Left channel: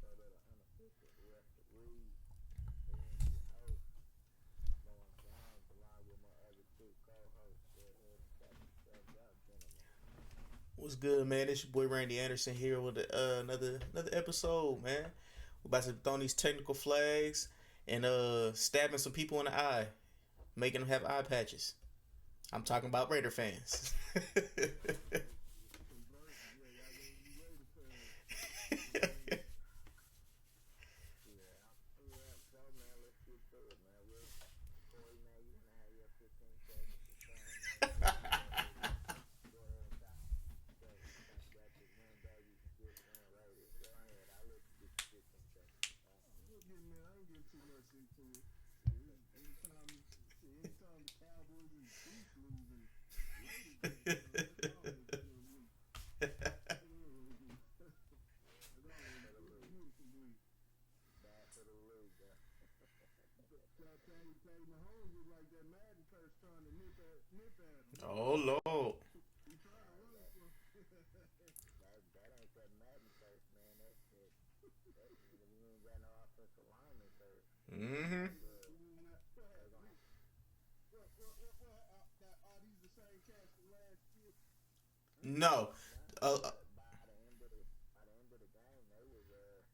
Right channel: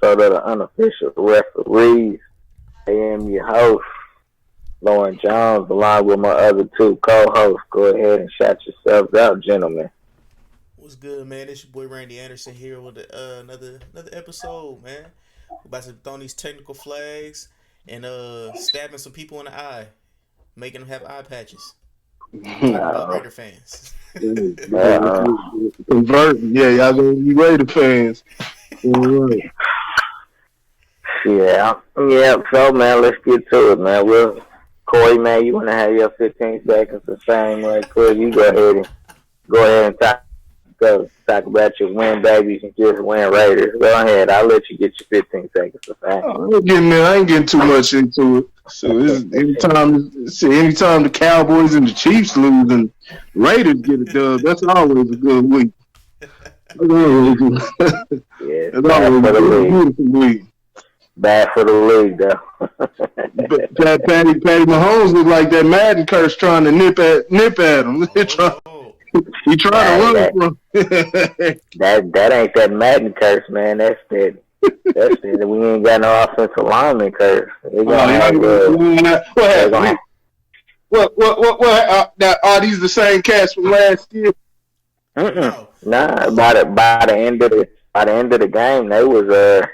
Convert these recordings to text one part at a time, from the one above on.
episode of the Unofficial Referees. I am your host, Lauren Jones, along with my other two co-hosts. Go ahead and shout yourselves out, gentlemen. What's good, man? It's your boy Randy Anderson here with another episode, man. We're about to throw these technical flags and stabbing some people in the eye, making them have eye patches. I'm talking about Raider fans. Uh, Converting, yeah, y'all gonna be Raider fans. All right. yeah. So, man, let's get to it, man. Corey, man, you want to have your 15 seconds of fame right quick? You go ahead and talk about your win babies and just win Raiders. Go ahead. I'll let you get your 15 seconds of fame. I ain't getting too much into it. So anytime the Cowboys and the Chiefs lose and Raiders get a dub, that's always a good week. That's always a beautiful week. Bad for the league, though. Patty Mahomes looked like that Madden curse trying to nip at him. He trying to run from that ain't that Madden curse, man. That's that we ain't got no offensive lineman curse. What? Are these the same cats from last year? No. Nah. By the end of the game, they was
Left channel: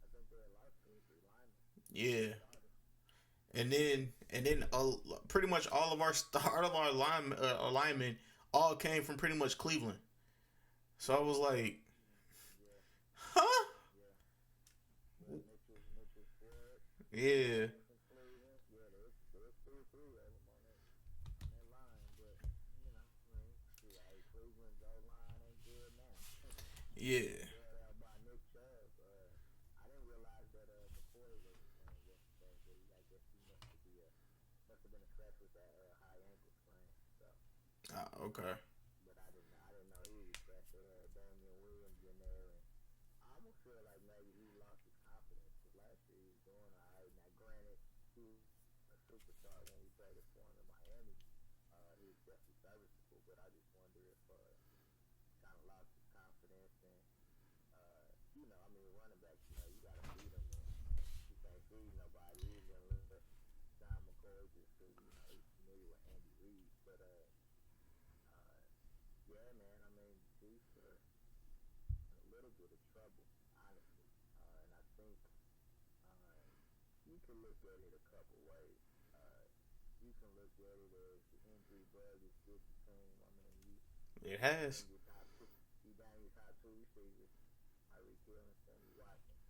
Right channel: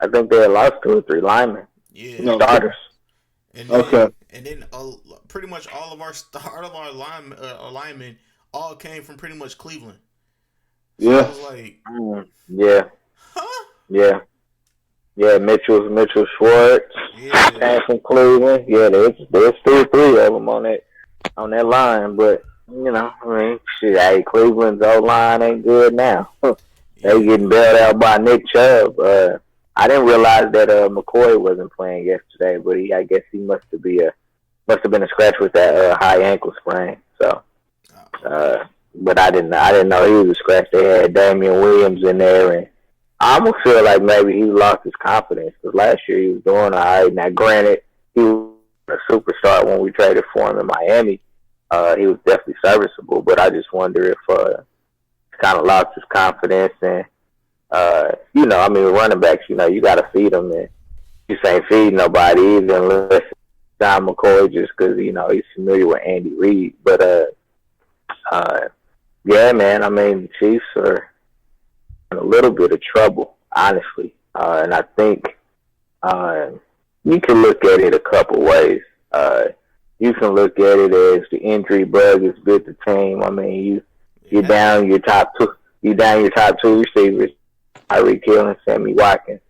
I think they had lost 2 or 3 linemen. Yeah. Starters. And then pretty much all of our linemen all came from pretty much Cleveland. So I was like, yeah. huh? Yeah. Yeah, Mitchell Schwartz came from Cleveland. Yeah, there's 2 or 3 of them on that line, but shit, Cleveland's O line ain't good now. They getting bailed out by Nick Chubb. I didn't realize that McCoy wasn't playing yesterday, but I guess he must have been a scratch with that high ankle sprain. So, but I didn't know he was a scratch. They had Damian Williams in there, and I almost feel like maybe he lost his confidence because last year he was doing all right. Now, granted, he was a superstar when we traded for him in Miami. He was definitely serviceable, but I just wonder if he kind of lost his confidence. And, running backs, you got to feed them. And you ain't feed nobody either unless John McCoy just because, he's familiar with Andy Reid. But, yeah, man, the Chiefs are in a little bit of trouble, honestly. And I think you can look at it a couple ways. You can look at it as the injury bug has bit the team. You're down your top 2 receivers, Tyreek Hill and Sammy Watkins.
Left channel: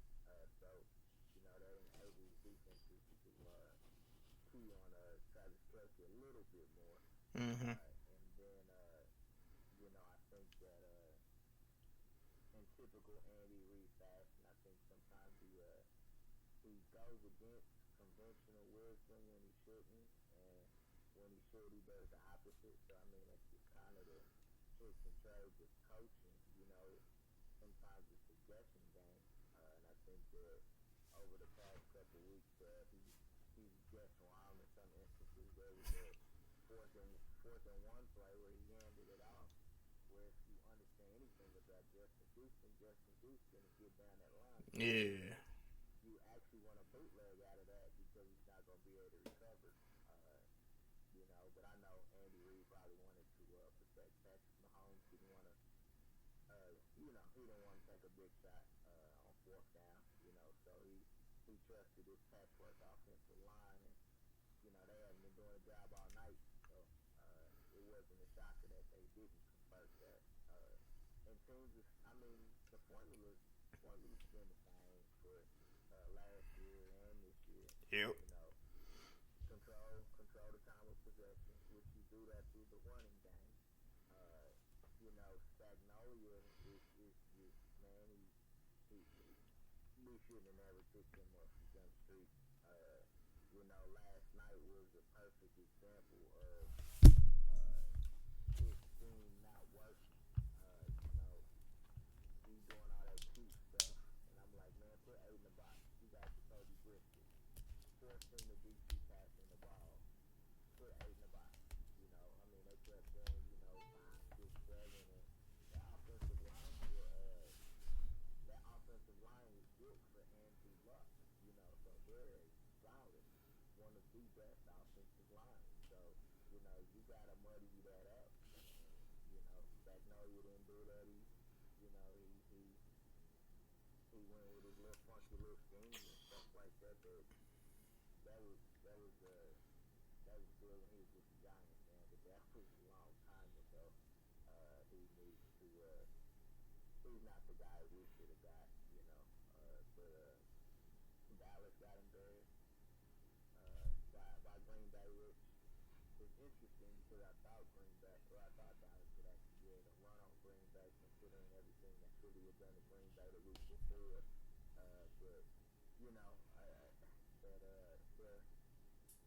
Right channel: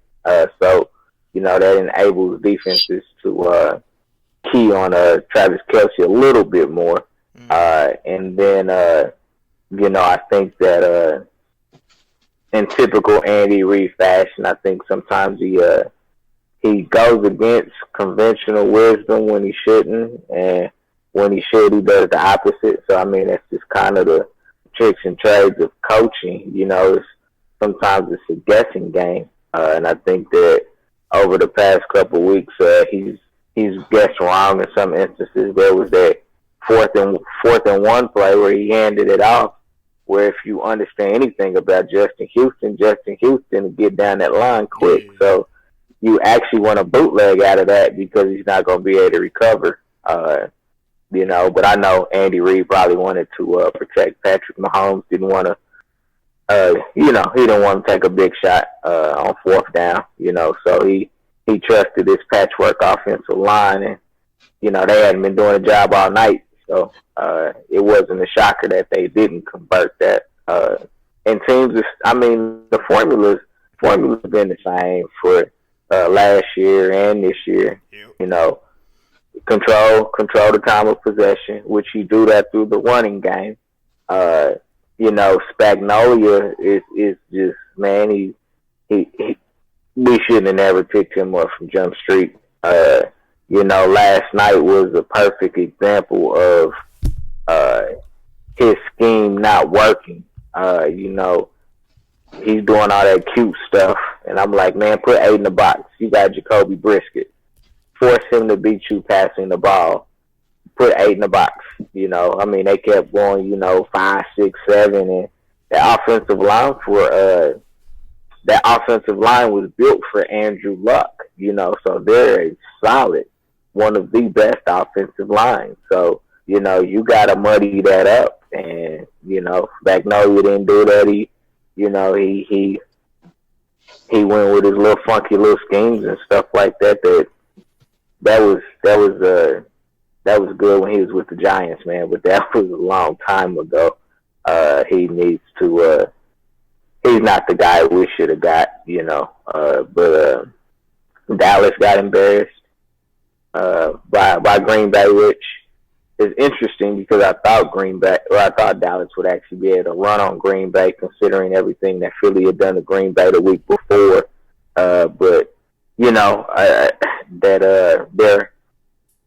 So that enables defenses to key on Travis Kelce a little bit more. And then, I think that in typical Andy Reid fashion, I think sometimes he goes against conventional wisdom when he shouldn't, and when he should, he does the opposite. So, that's just kind of the tricks and trades of coaching. Sometimes it's a guessing game, and I think that over the past couple of weeks, he's guessed wrong in some instances. There was that fourth and 1 play where he handed it off, where if you understand anything about Justin Houston will get down that line quick. Yeah. So you actually want a bootleg out of that because he's not going to be able to recover. But I know Andy Reid probably wanted to protect Patrick Mahomes, didn't want to, he didn't want to take a big shot on 4th down, so he trusted this patchwork offensive line, and, they hadn't been doing a job all night, so it wasn't a shocker that they didn't convert that. And teams, the formula's been the same for last year and this year. Yep. Control the time of possession, which you do that through the running game. Spagnolia is just, man, he we shouldn't have never picked him up from Jump Street. Last night was a perfect example of his scheme not working. He's doing all that cute stuff, and I'm like, man, put 8 in the box. You got Jacoby Brisket. Force him to beat you passing the ball. Put 8 in the box. They kept going, 5, 6, 7, and the offensive line for that offensive line was built for Andrew Luck, so they're a solid, one of the best offensive lines. So, you got to muddy that up. And, Magnolia didn't do that. He went with his little funky little schemes and stuff like that. That was good when he was with the Giants, man. But that was a long time ago. He needs to. He's not the guy we should have got, But Dallas got embarrassed by Green Bay, which is interesting because I thought Dallas would actually be able to run on Green Bay, considering everything that Philly had done to Green Bay the week before. But their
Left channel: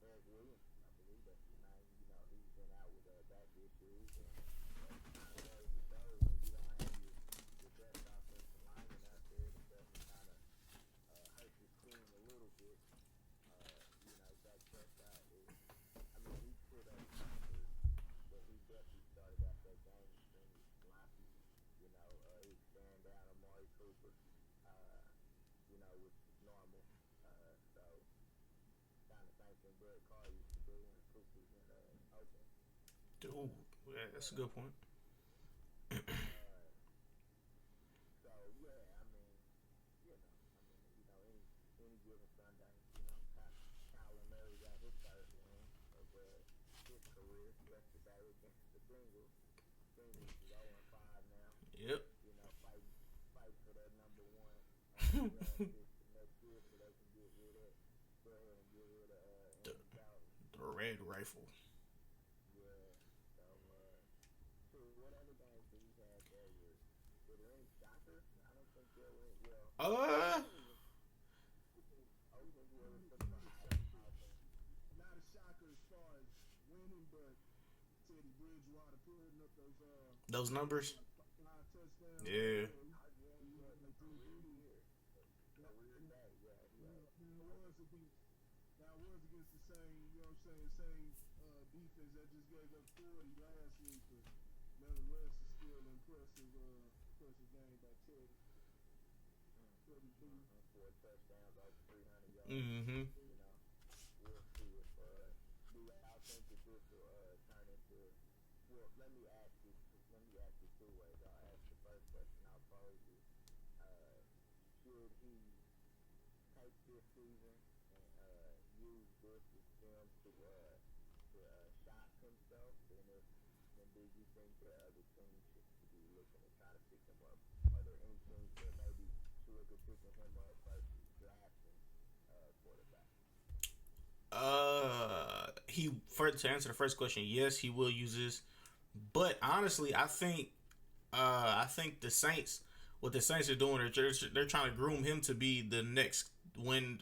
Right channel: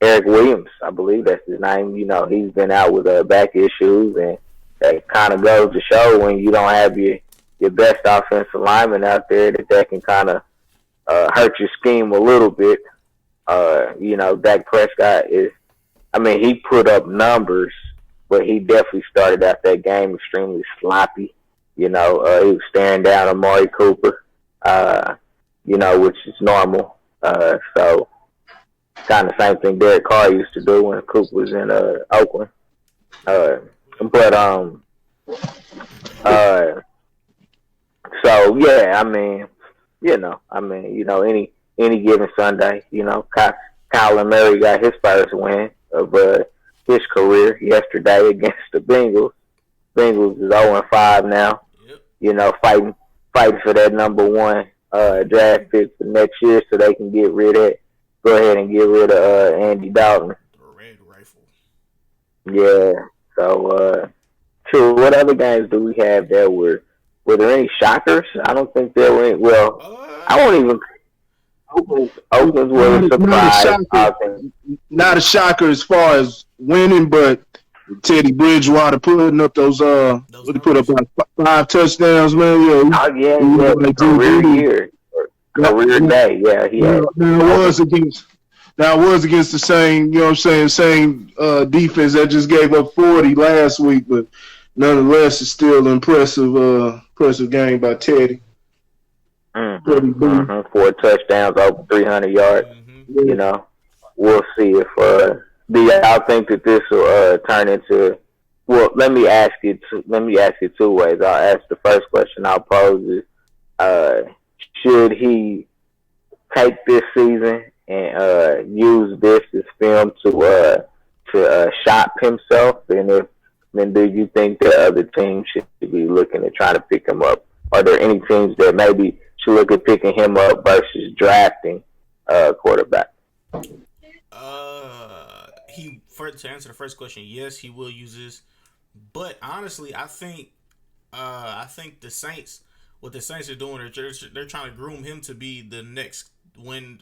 Eric Williams, I believe that's his name. He's been out with back issues, and that kind of goes to show when you don't have your best offensive lineman out there that can kind of hurt your scheme a little bit. Dak Prescott he put up numbers, but he definitely started out that game extremely sloppy. He was staring down Amari Cooper, which is normal. So kind of same thing Derek Carr used to do when Cooper was in Oakland. So yeah, any given Sunday, Kyler Murray got his first win of his career yesterday against the Bengals. Bengals is 0-5 now. Yep. Fighting for that number one draft pick for next year, so they can go ahead and get rid of Andy Dalton. The red rifle. Yeah. So, true. What other games do we have there? Were there any shockers? I don't think there were any. Well, I won't even. Oakland's was a surprise. Not a shocker as far as winning, but Teddy Bridgewater putting up those he put up like 5 touchdowns, man. Career year. Career day, yeah. That was against the same, same defense that just gave up 40 last week, but nonetheless, it's still an impressive game by Teddy. 4 touchdowns, over 300 yards. Mm-hmm. We'll see if do y'all think that this will turn into. Well, let me ask you 2 ways. I'll ask the first question I'll pose is, should he take this season and use this as film to shop himself? And then do you think that other teams should be looking at trying to pick him up? Are there any teams that maybe should look at picking him up versus drafting a quarterback? To answer the first question, yes, he will use this. But honestly, I think the Saints, what the Saints are doing, they're trying to groom him to be the next when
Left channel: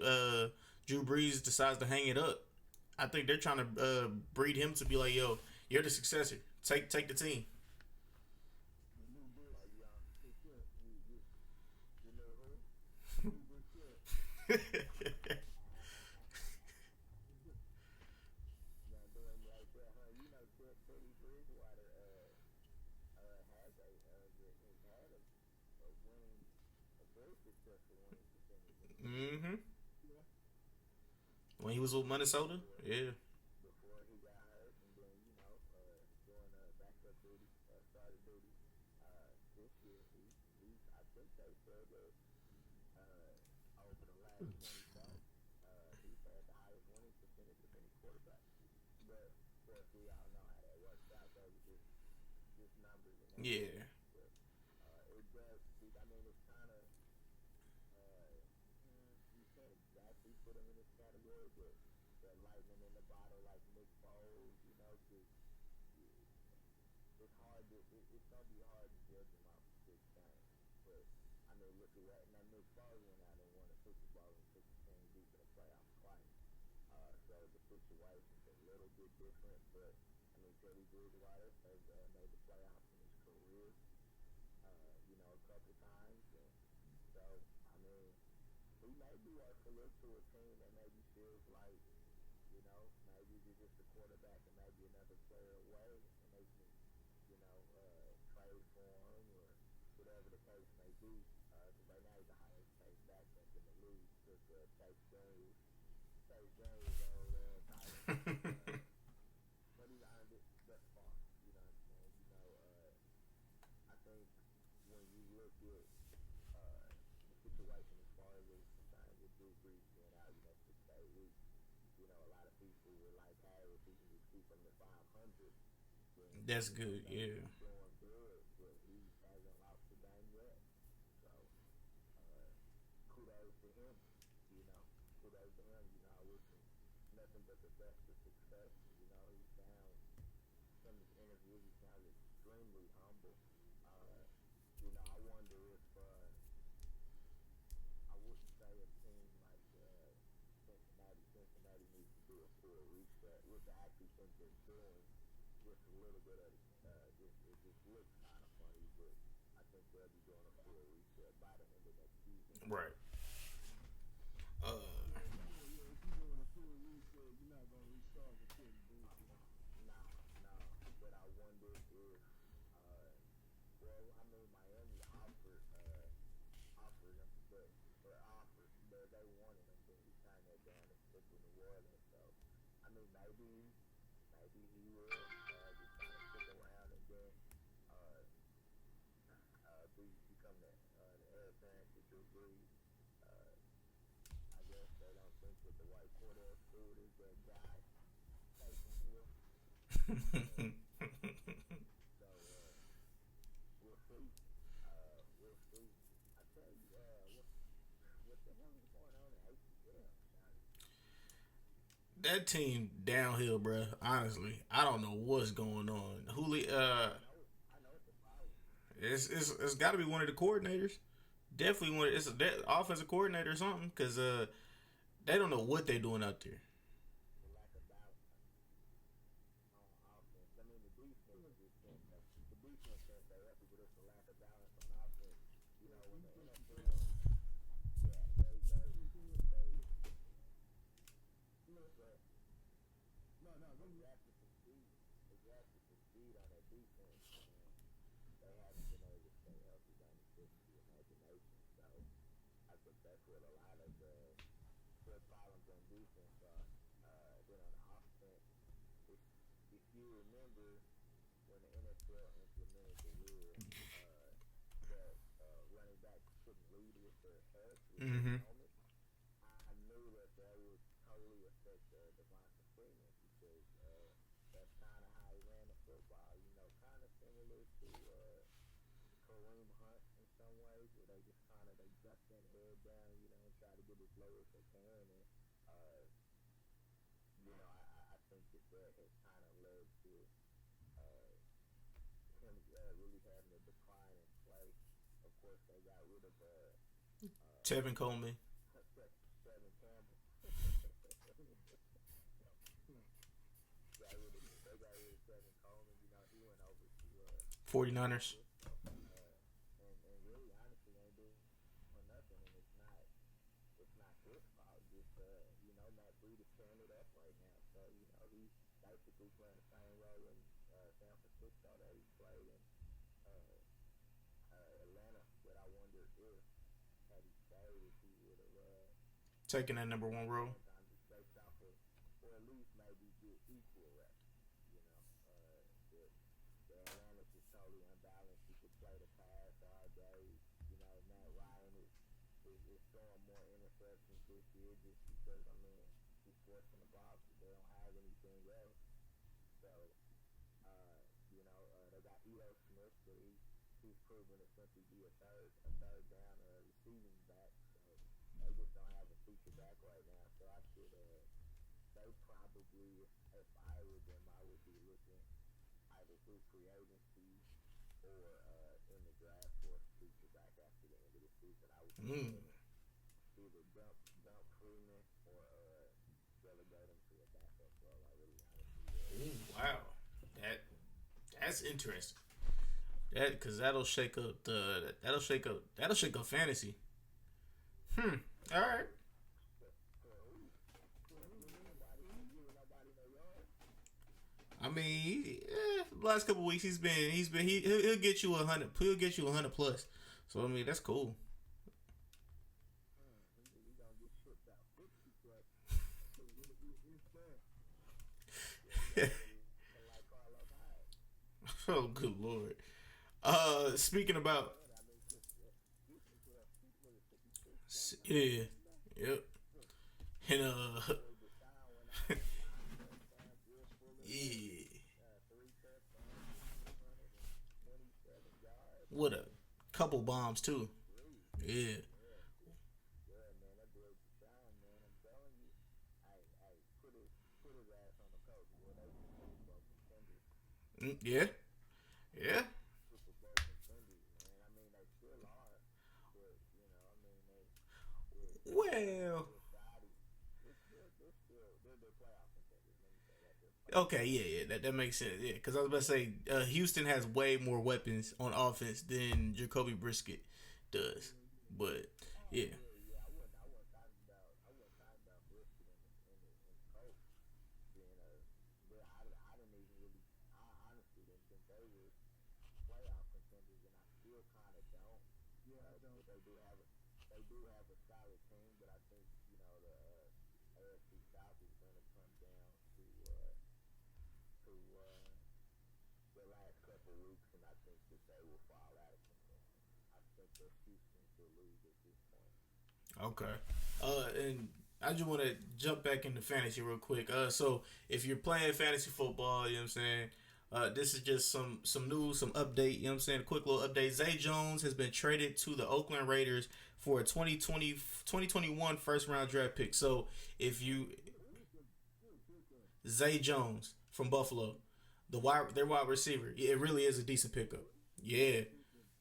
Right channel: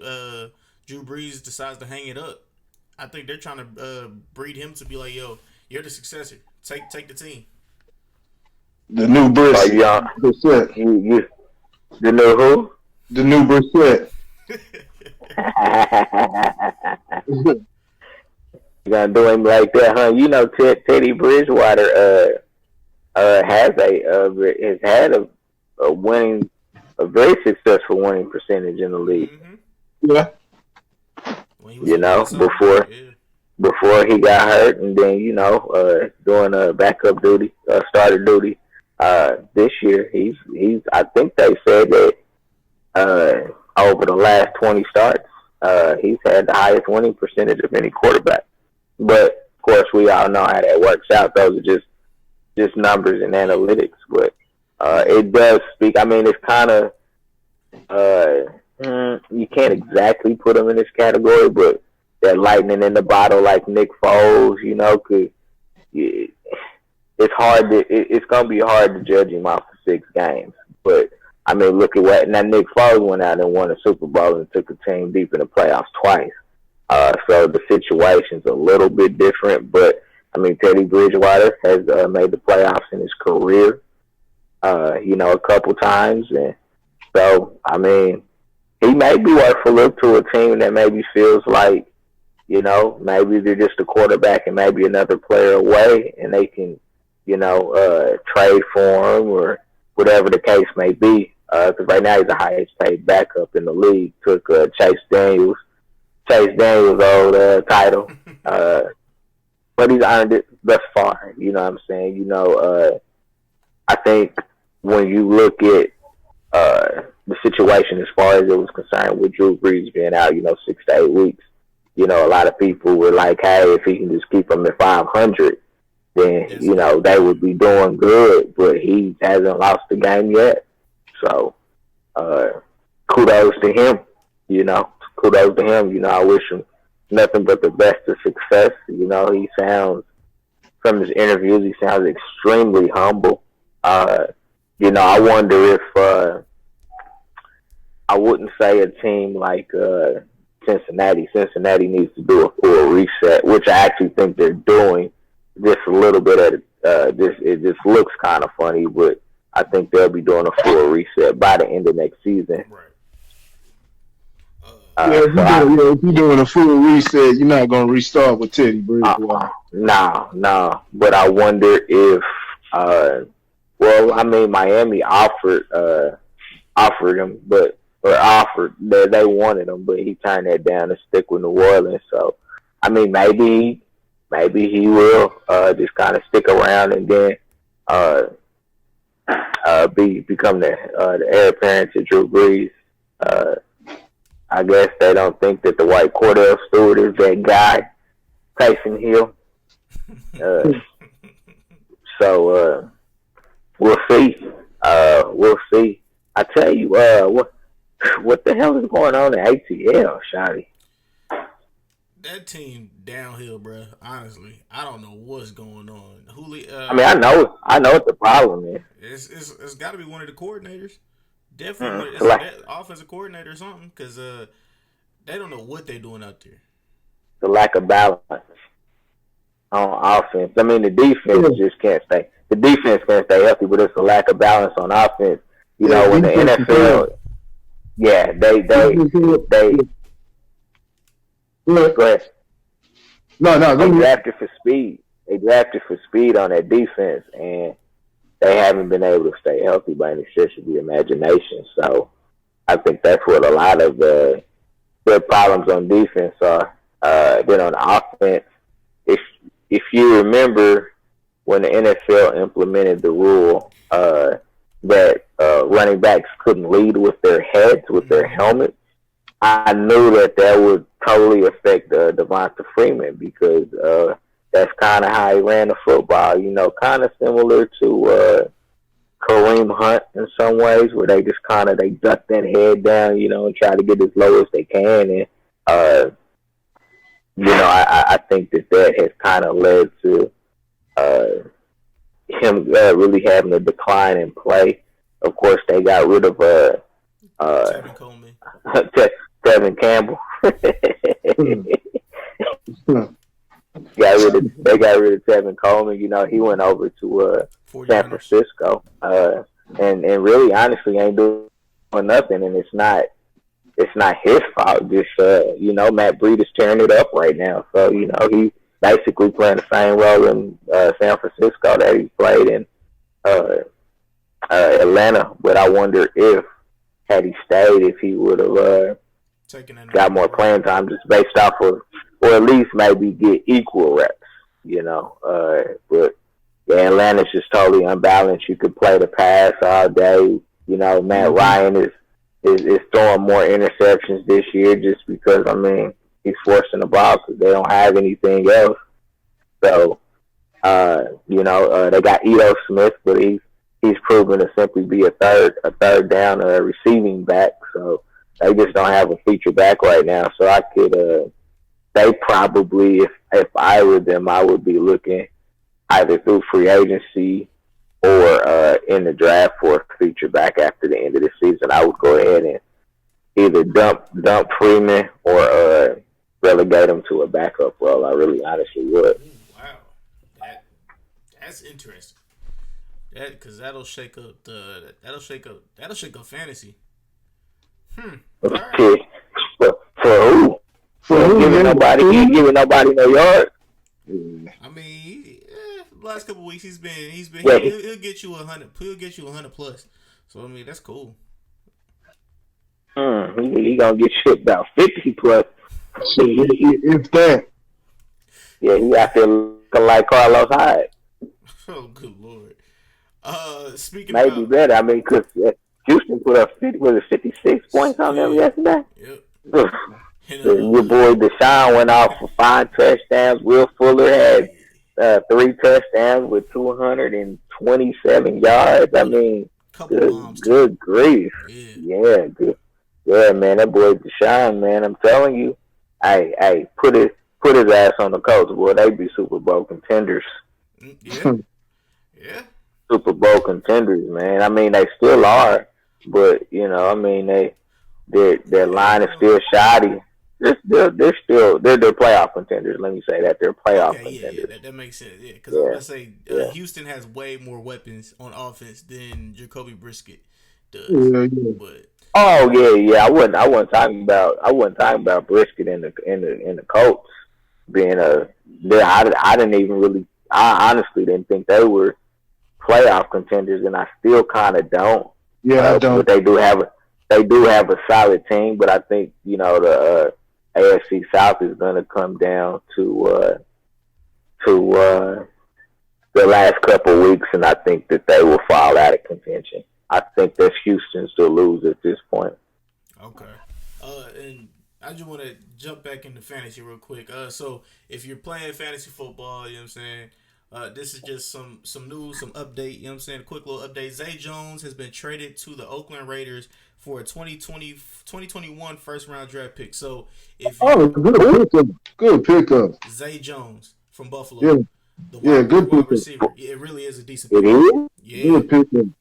Drew Brees decides to hang it up. I think they're trying to breed him to be like, yo, you're the successor. Take the team. The new Brissett. You the new who? The new Brissett. You gonna do him like that, huh? Teddy Bridgewater has had a very successful winning percentage in the league. Mm-hmm. Yeah. Before he got hurt, and then doing backup duty, starter duty. This year, he's. I think they said that over the last 20 starts, he's had the highest winning percentage of any quarterback. But of course, we all know how that works out. Those are just numbers and analytics. But it does speak. It's kind of you can't exactly put him in this category, but that lightning in the bottle, like Nick Foles, it's hard to. It's gonna be hard to judge him off of 6 games. But look at what now. Nick Foles went out and won a Super Bowl and took a team deep in the playoffs twice. So the situation's a little bit different, but Teddy Bridgewater has made the playoffs in his career, a couple times, and so he may be worth a look to a team that maybe feels like, maybe they're just a quarterback and maybe another player away, and they can, trade for him or whatever the case may be. Because right now he's the highest paid backup in the league. Took Chase Daniels' old title, but he's earned it thus far. You know what I'm saying? I think when you look at the situation as far as it was concerned with Drew Brees being out, 6 to 8 weeks, a lot of people were like, hey, if he can just keep him at 500, then, they would be doing good, but he hasn't lost the game yet. So, kudos to him, kudos to him. I wish him nothing but the best of success. He sounds, from his interviews, he sounds extremely humble. I wonder if, I wouldn't say a team like Cincinnati. Cincinnati needs to do a full reset, which I actually think they're doing. Just a little bit of it just looks kind of funny, but I think they'll be doing a full reset by the end of next season. Right. If you're doing a full reset, you're not going to restart with Teddy Bridgewater. No. But I wonder if, Miami offered him, that they wanted him, but he turned that down to stick with New Orleans. So, maybe he will just kind of stick around and then become the heir apparent to Drew Brees. I guess they don't think that the white Cordell Stewart is that guy, Taysom Hill. So we'll see. I tell you, what the hell is going on in ATL, Shotty? That team downhill, bro. Honestly, I don't know what's going on. I know what the problem is. It's got to be one of the coordinators. Definitely, it's a offensive coordinator or something, because they don't know what they're doing out there. The lack of balance on offense. The defense just can't stay. The defense can't stay healthy, but it's a lack of balance on offense. When the NFL, they go ahead. They drafted for speed. They drafted for speed on that defense, and they haven't been able to stay healthy by any stretch of the imagination. So I think that's what a lot of their problems on defense are. Then on offense, if you remember when the NFL implemented the rule that running backs couldn't lead with their heads, with their helmets, I knew that would totally affect Devonta Freeman, because that's kind of how he ran the football, kind of similar to Kareem Hunt in some ways, where they just they duck that head down, and try to get as low as they can. And, I think that has kind of led to him really having a decline in play. Of course, they got rid of Tevin Coleman. Tevin Campbell. They got rid of Tevin Coleman. He went over to San Francisco, and really, honestly, ain't doing nothing. And it's not his fault. Just Matt Breed is tearing it up right now. So he's basically playing the same role in San Francisco that he played in Atlanta. But I wonder if, had he stayed, if he would have got more playing time, just based off of, or at least maybe get equal reps, but Atlanta's just totally unbalanced. You could play the pass all day. Matt Ryan is throwing more interceptions this year just because, he's forcing the ball because they don't have anything else. So, they got Ito Smith, but he's proven to simply be a third down receiving back. So they just don't have a feature back right now. So I could, they probably, if I were them, I would be looking either through free agency or in the draft for a feature back after the end of the season. I would go ahead and either dump Freeman or relegate him to a backup role. I really honestly would. Ooh, wow, that's interesting. Because that'll shake up fantasy. All right. For who? Giving nobody no yard. Last couple of weeks he'll get you 100. He'll get you 100 plus. So that's cool. He gonna get shipped about 50 plus. If that. Yeah, he out there looking like Carlos Hyde. Oh, good lord. Speaking Maybe about better. I mean, because Houston put up 56 points on them yesterday. Yep. And, Your boy Deshaun went off for 5 touchdowns. Will Fuller had 3 touchdowns with 227 yards. I mean, couple bombs too. Good grief. Yeah, good. Yeah, man, that boy Deshaun, man, I'm telling you, hey, put his ass on the coach, boy. They be Super Bowl contenders. Yeah. Yeah. Super Bowl contenders, man. I mean, they still are, but you know, I mean, their line is still shoddy. They're playoff contenders. Let me say that they're playoff contenders. Yeah, that makes sense. Yeah, because I was about to say Houston has way more weapons on offense than Jacoby Brisket does. Yeah. But I wasn't talking about Brisket and the Colts being I didn't even really. I honestly didn't think they were playoff contenders, and I still kind of don't. Yeah, I don't. But they do have a solid team. But I think the AFC South is going to come down to the last couple of weeks, and I think that they will fall out of contention. I think that's Houston's to lose at this point. Okay. And I just want to jump back into fantasy real quick. So if you're playing fantasy football, you know what I'm saying, this is just some news, some update, you know what I'm saying, a quick little update. Zay Jones has been traded to the Oakland Raiders for a 2021 first-round draft pick. So if you... good pickup. Zay Jones from Buffalo. Yeah. The wide receiver. Yeah, it really is a decent pick. It is? Yeah.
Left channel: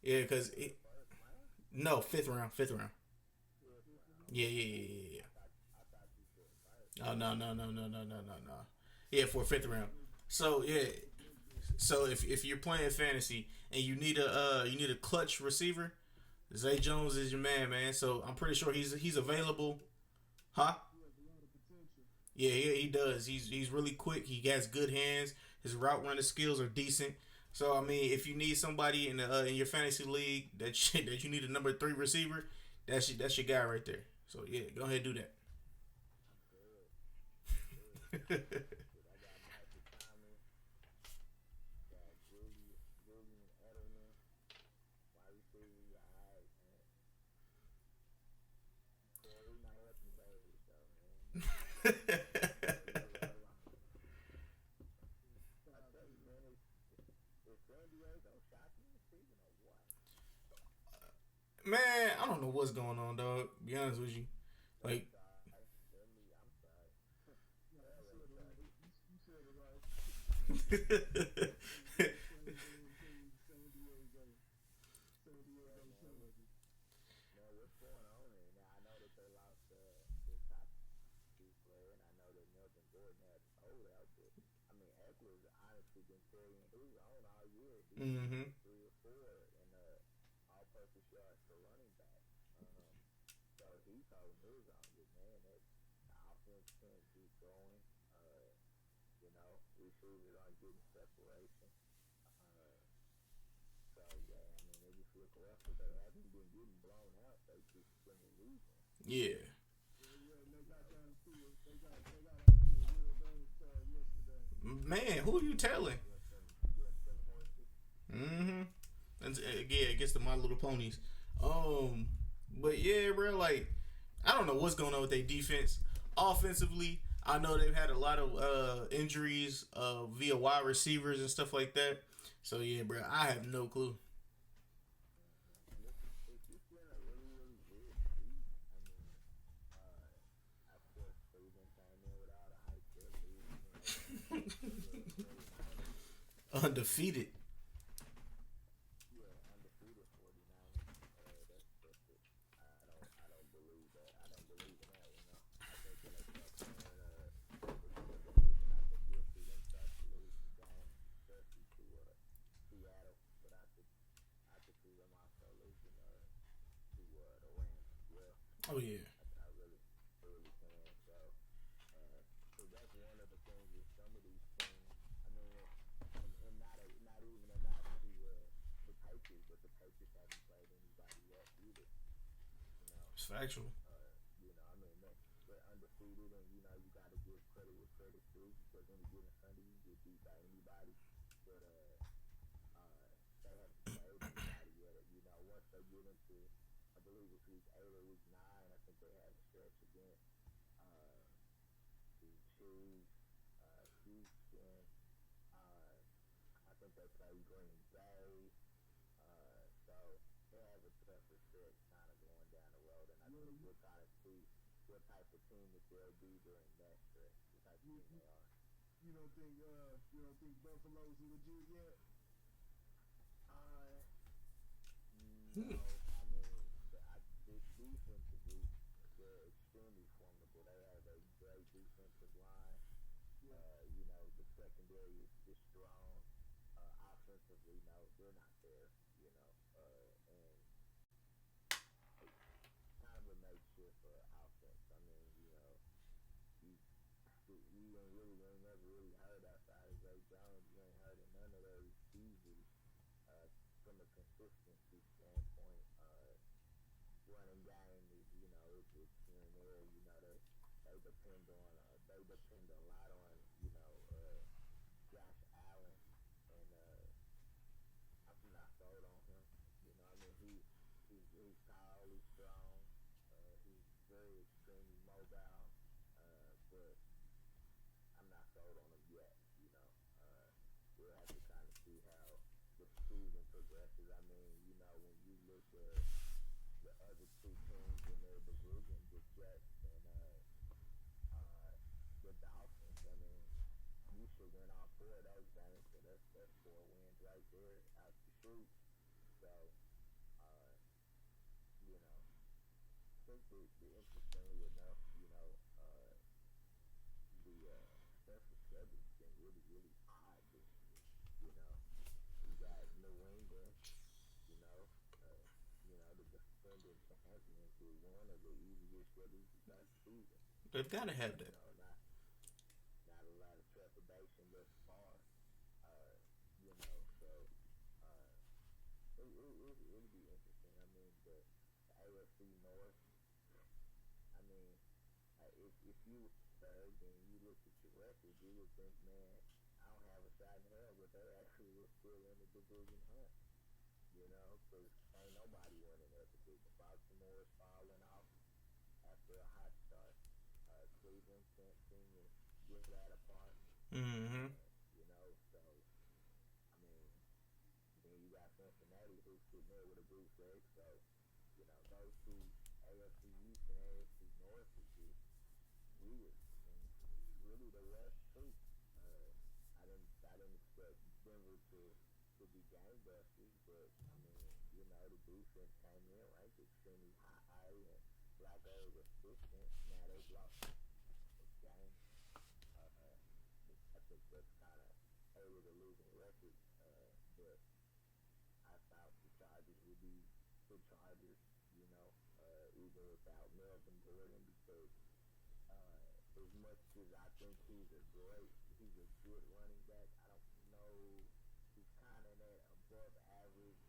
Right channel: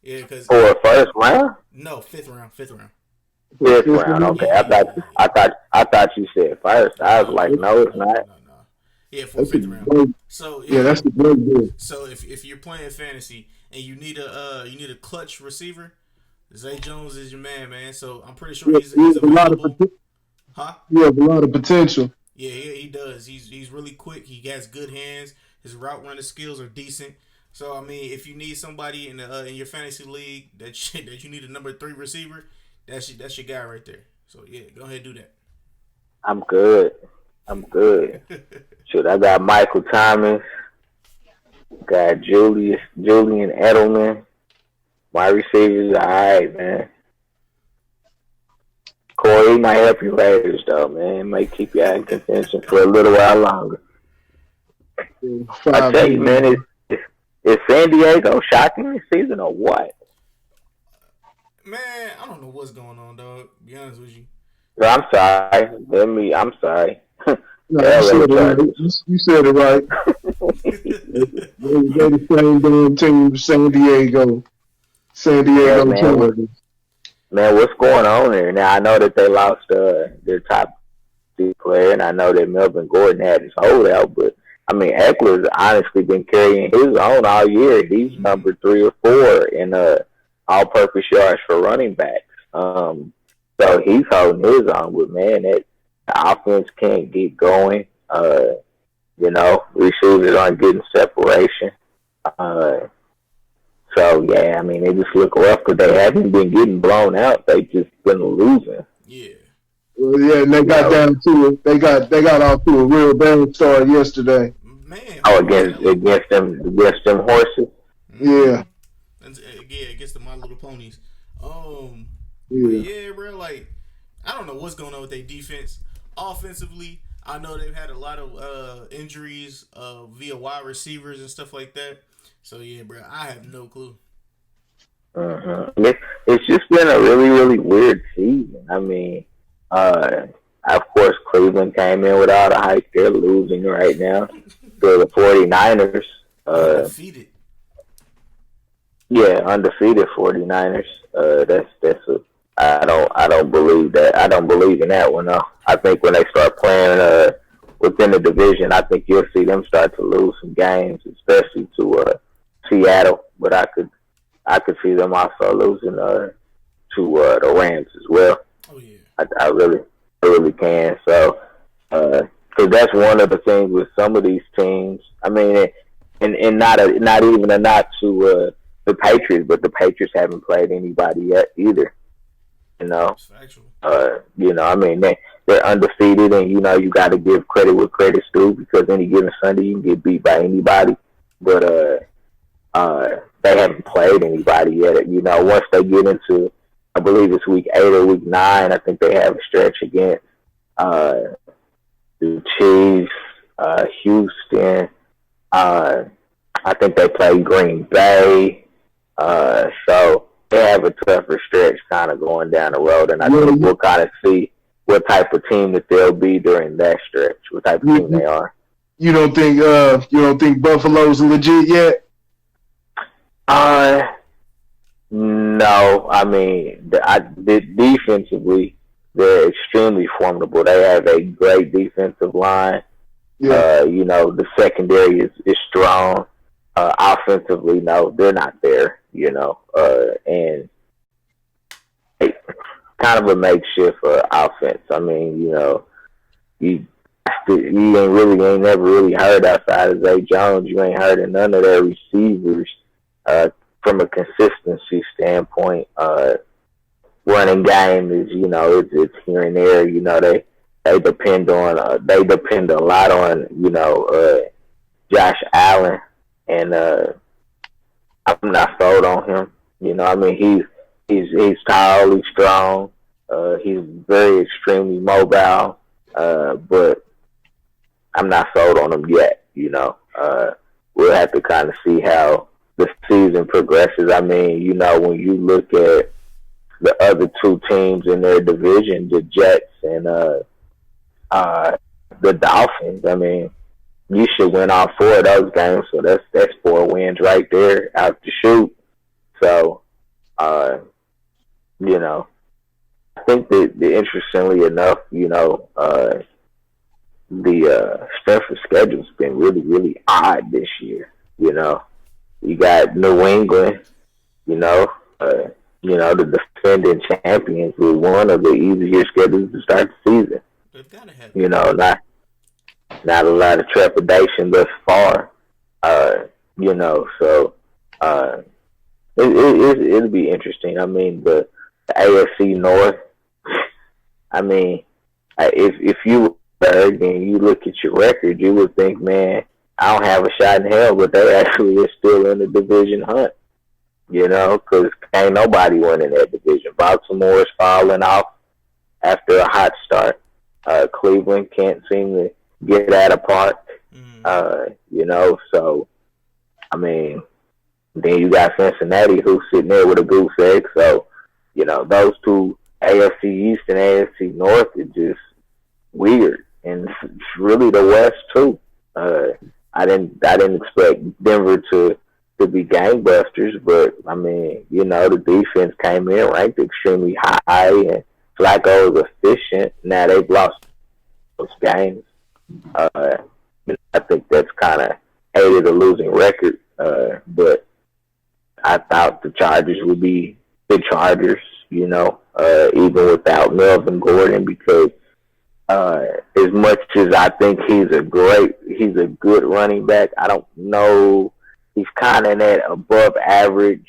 Yeah, because for a first round? No, fifth round. Fifth round. Okay, Yeah. I thought you said first. I was like, no, it's not. No. Yeah, for fifth round. So that's the great deal. So if you're playing fantasy and you need a clutch receiver, Zay Jones is your man. So I'm pretty sure he's available. He has a lot of potential. Yeah, he does. He's really quick. He has good hands. His route running skills are decent. So I mean, if you need somebody in your fantasy league that you need a number 3 receiver, that's your guy right there. So yeah, go ahead and do that. I'm good. Shoot, I got Michael Thomas, got Julian Edelman. My receivers are alright, man. Corey might help you Raiders though, man. It might keep you out in contention for a little while longer. I tell you, man, is San Diego shocking this season or what? Man, I don't know what's going on, dog. To be honest with you. I'm sorry. I'm sorry. No, you said it right. They're the same damn team, San Diego. Man, what's going on there? Now, I know that they lost their top player, and I know that Melvin Gordon had his holdout, but I mean, Eckler's honestly been carrying his own all year. He's number 3 or 4 in all-purpose yards for running backs. So he's holding his own. But man, the offense can't get going. Receivers aren't getting separation. So yeah, I mean, they just look rough because they haven't been getting blown out. They just been losing. Yeah. Well, yeah, and they got down to it. They got off to a real bad start yesterday. Man. Against them horses. Yeah. Against the My Little Ponies. Yeah. But yeah, bro, like I don't know what's going on with their defense. Offensively, I know they've had a lot of injuries via wide receivers and stuff like that. So yeah, bro, I have no clue. It's just been a really, really weird season. I mean, of course, Cleveland came in with all the hype. They're losing right now to the 49ers. Undefeated. Yeah, undefeated 49ers. I don't believe that. I don't believe in that one, though. I think when they start playing within the division, I think you'll see them start to lose some games, especially to Seattle. But I could see them also losing to the Rams as well. Oh yeah. I really can. So, because that's one of the things with some of these teams. I mean, and not even a knock to the Patriots, but the Patriots haven't played anybody yet either. You know, It's factual. I mean they're undefeated, and you got to give credit where credit's due because any given Sunday you can get beat by anybody. But they haven't played anybody yet. Once they get into, I believe it's week 8 or week 9, I think they have a stretch against uh, the Chiefs, Houston. I think they play Green Bay. So they have a tougher stretch kind of going down the road, and I think we'll kind of see what type of team that they'll be during that stretch, what type of team they are. You don't think Buffalo's legit yet? No. I mean, defensively, they're extremely formidable. They have a great defensive line. Yeah. The secondary is strong. Offensively, no, they're not there. And kind of a makeshift offense. I mean, you ain't never really heard outside of Zay Jones. You ain't heard of none of their receivers from a consistency standpoint. Running game is it's here and there. They depend a lot on Josh Allen, and I'm not sold on him. I mean he's tall, he's strong, he's very extremely mobile, but I'm not sold on him yet. We'll have to kind of see how the season progresses. I mean, when you look at the other two teams in their division, the Jets and the Dolphins, I mean, you should win all 4 of those games. So that's 4 wins right there out the chute. So, I think that interestingly enough, the strength of schedule's been really, really odd this year. You got New England, the defending champions with one of the easier schedules to start the season. They've got to have not a lot of trepidation thus far. So it'll be interesting. I mean, the AFC North. I mean, if you were third and you look at your record, you would think, man, I don't have a shot in hell, but they actually are still in the division hunt. Because ain't nobody winning that division. Baltimore's falling off after a hot start. Cleveland can't seem to get that apart. So, I mean, then you got Cincinnati who's sitting there with a goose egg. So, those two, AFC East and AFC North, is just weird. And it's really the West, too. I didn't expect Denver to be gangbusters, but, I mean, the defense came in ranked extremely high, and Flacco was efficient. Now they've lost those games. I think that's kind of aided a losing record, but I thought the Chargers would be the Chargers, even without Melvin Gordon, because as much as I think he's a good running back, I don't know. He's kind of in that above average,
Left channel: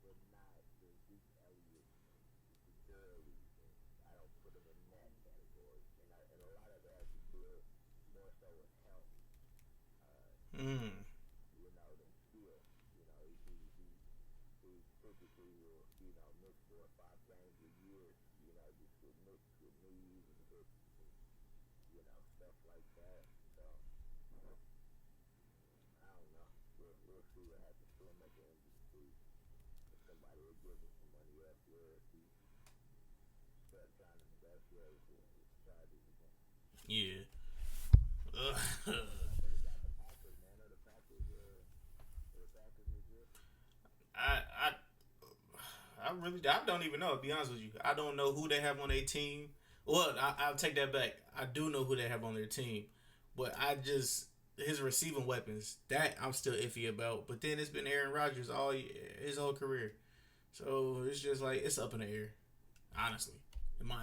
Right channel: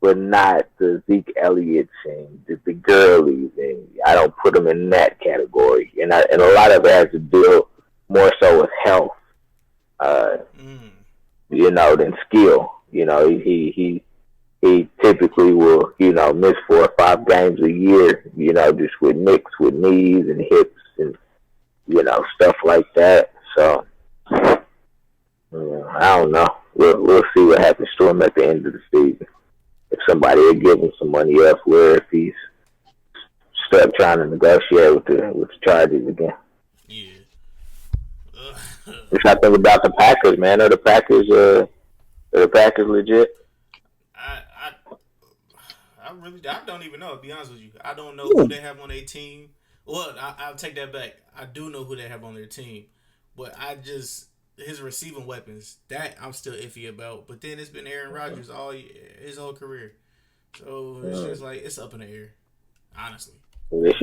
but not the Zeke Elliott's and the Gurley's, and I don't put him in that category. And a lot of it has to deal more so with health, than skill. He typically will, miss 4 or 5 games a year, just with nicks with knees and hips and, stuff like that. So, I don't know. We'll see what happens to him at the end of the season. If somebody will give him some money elsewhere, if he's stuck trying to negotiate with the Chargers again. Yeah. What y'all think about the Packers, man? Are the Packers legit? I don't even know, to be honest with you. I don't know who they have on their team. Well, I'll take that back. I do know who they have on their team. But his receiving weapons, that I'm still iffy about. But then it's been Aaron Rodgers his whole career. So it's just like, it's up in the air, honestly. It's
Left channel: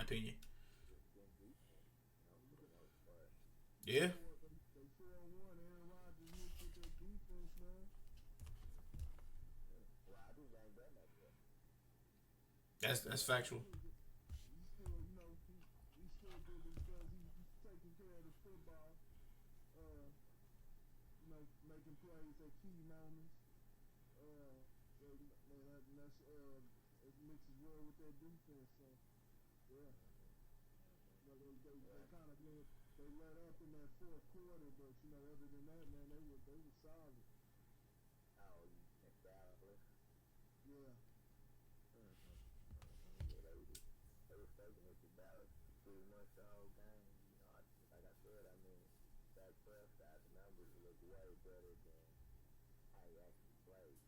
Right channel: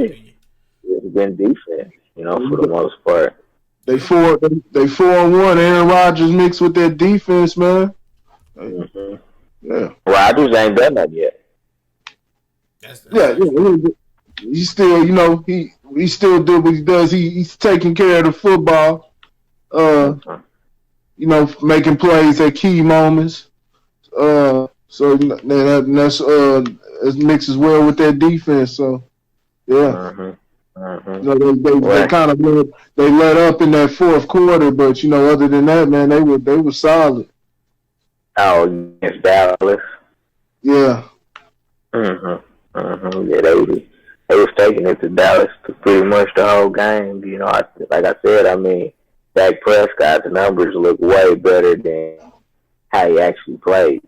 been defense, for the most part. They 4-1. Aaron Rodgers mixed with that defense, man. Mm-hmm. Yeah. Rodgers ain't done that yet. That's he still, he still do what he does. He's taking care of the football. Making plays at key moments. So that's it mixes well with that defense. So yeah. They kind of let up in that fourth quarter, but other than that, man, they were solid. Oh, against Dallas. Yeah. Yeah, they was taking it to Dallas for pretty much the whole game. Like I said, I mean, Dak Prescott's numbers look way better than how he actually played.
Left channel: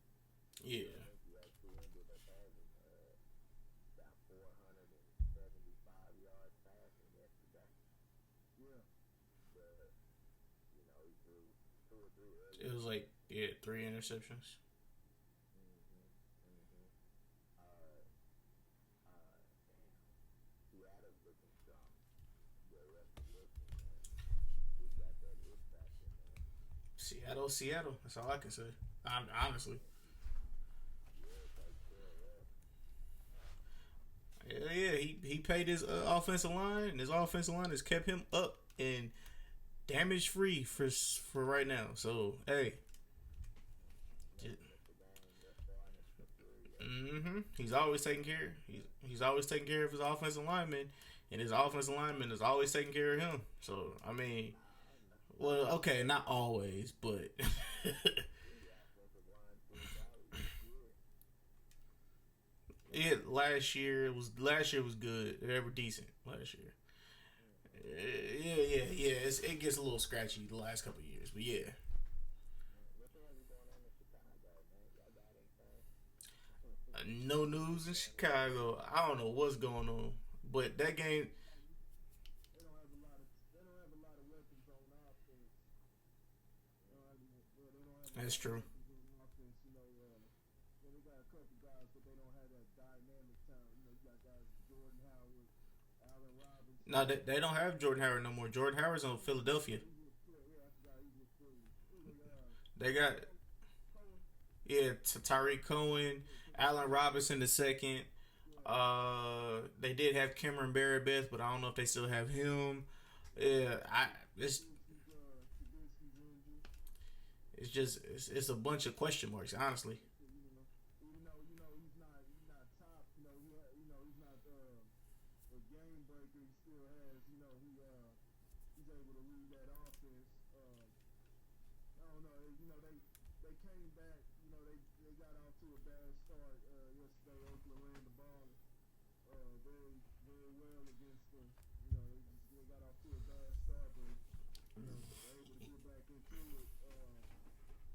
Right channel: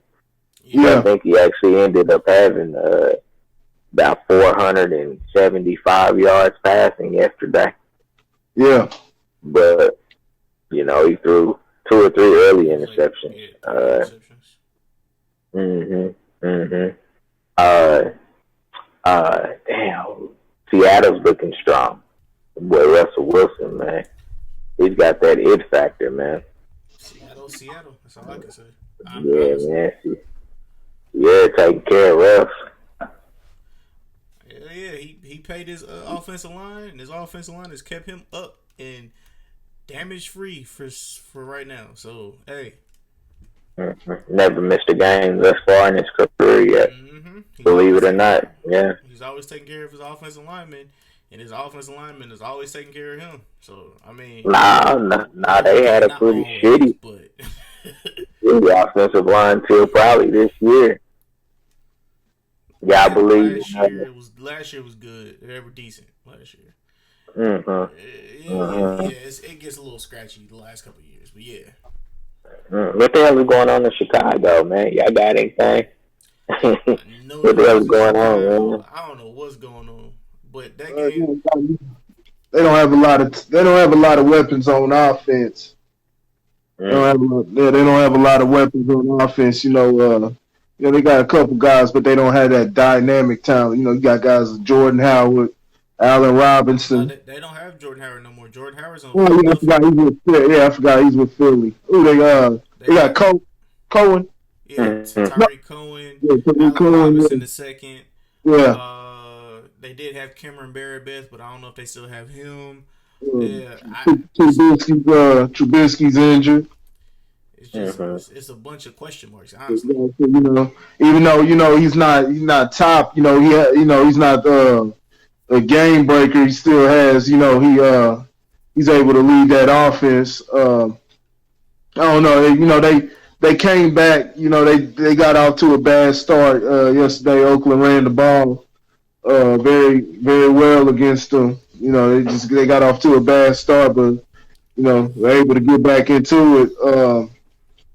Yeah. I think he actually ended up having about 475 yards passing yesterday. Yeah. But, he threw 2 or 3 early interceptions. Damn. Seattle's looking strong. Boy, Russell Wilson, man. He's got that it factor, man. Seattle. That's all I can say. Man. Yeah, taking care of Russ. Yeah. He paid his offensive line, and his offensive line has kept him up and damage free for right now. So hey, never missed a game thus far in his career yet. Believe it or not, yeah. He's always taking care of his offensive lineman, and his offensive lineman is always taking care of him. So I mean, nah, they had a pretty shitty, but shitty offensive line till probably this year. Yeah, I believe last year was good. They were decent last year. It gets a little scratchy the last couple of years, but yeah. What the hell is going on in Chicago, man? Y'all got anything? What the hell is going on, man? I don't know what's going on, but that game they don't have a lot of weapons on offense. They don't have a lot of weapons on offense. They got a couple guys, but they don't have that dynamic talent. You got guys like Jordan Howard, Allen Robinson. They don't have Jordan Howard no more. Jordan Howard's on. I forgot he's with Philly. They got Cohen. Yeah, Tariq Cohen. Allen Robinson the second. Yeah. They did have Cameron Barabeth, but I don't know if they still have him. Yeah. Trubisky's injured. It's just it's a bunch of question marks, honestly. Even though he's not top, he's not a game breaker. He still has, he's able to lead that offense. I don't know. They came back. They got off to a bad start yesterday. Oakland ran the ball very, very well against them. They got off to a bad start, but they're able to get back into it.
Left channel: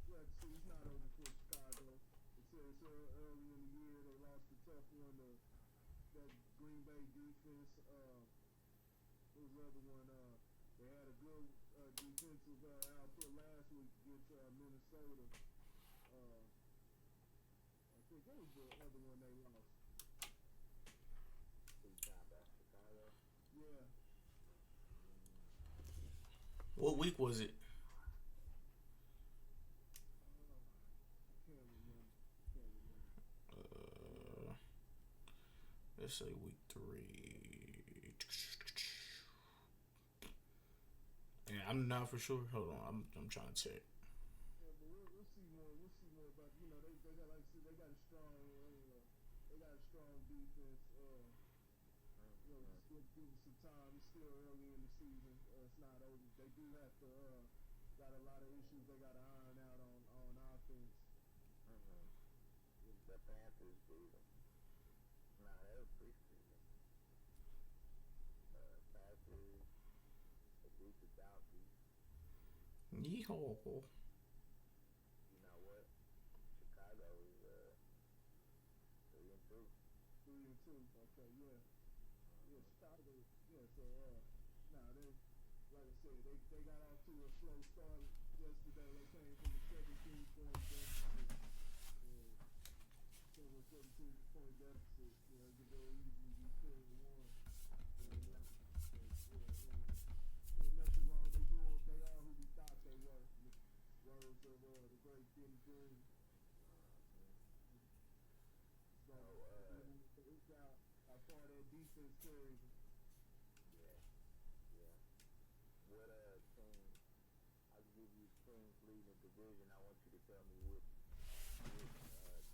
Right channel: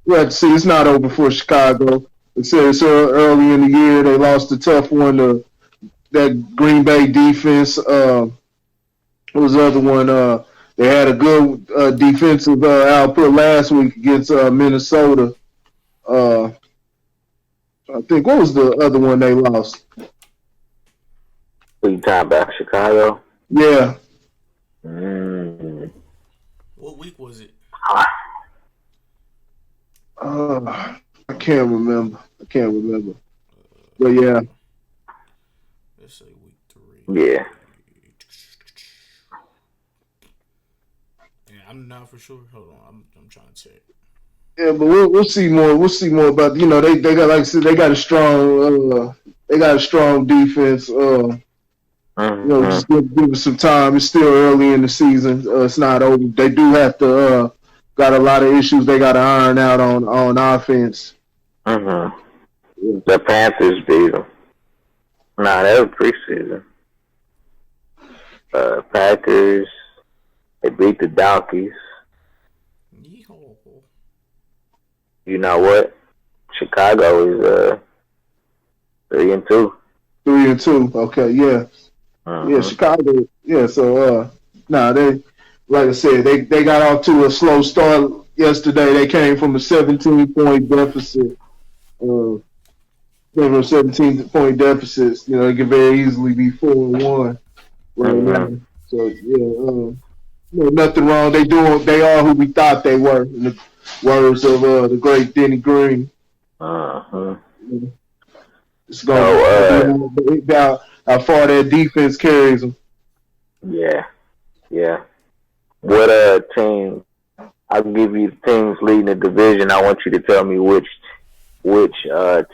We have to see. It's not over for Chicago. It's early in the year. They lost a tough one to that Green Bay defense. What was the other one? They had a good defensive output last week against Minnesota. I think, what was the other one they lost? What you talking about, Chicago? Yeah. What week was it? I can't remember. But yeah. Let's say week 3. Yeah. I'm not for sure. Hold on, I'm trying to check. Yeah, but we'll see more. We'll see more about they got, like I said, they got a strong defense. Just give it some time. It's still early in the season. It's not over. They do have to got a lot of issues they got to iron out on offense. Yeah. The Panthers beat them. Nah, that was preseason. Packers, they beat the Donkeys. Yeehaw. You know what? Chicago is 3-2. 3-2. Okay, yeah. Yeah, Chicago. Yeah, so they, like I said, they got off to a slow start yesterday. They came from a 17-point deficit. They were a 17-point deficit. They could very easily be 4-1 right now. So yeah, nothing wrong. They are who we thought they were. In the words of the great Denny Green. It's going. far that defense carries them. Yeah, yeah. What team? I'll give you teams leading the division. I want you to tell me which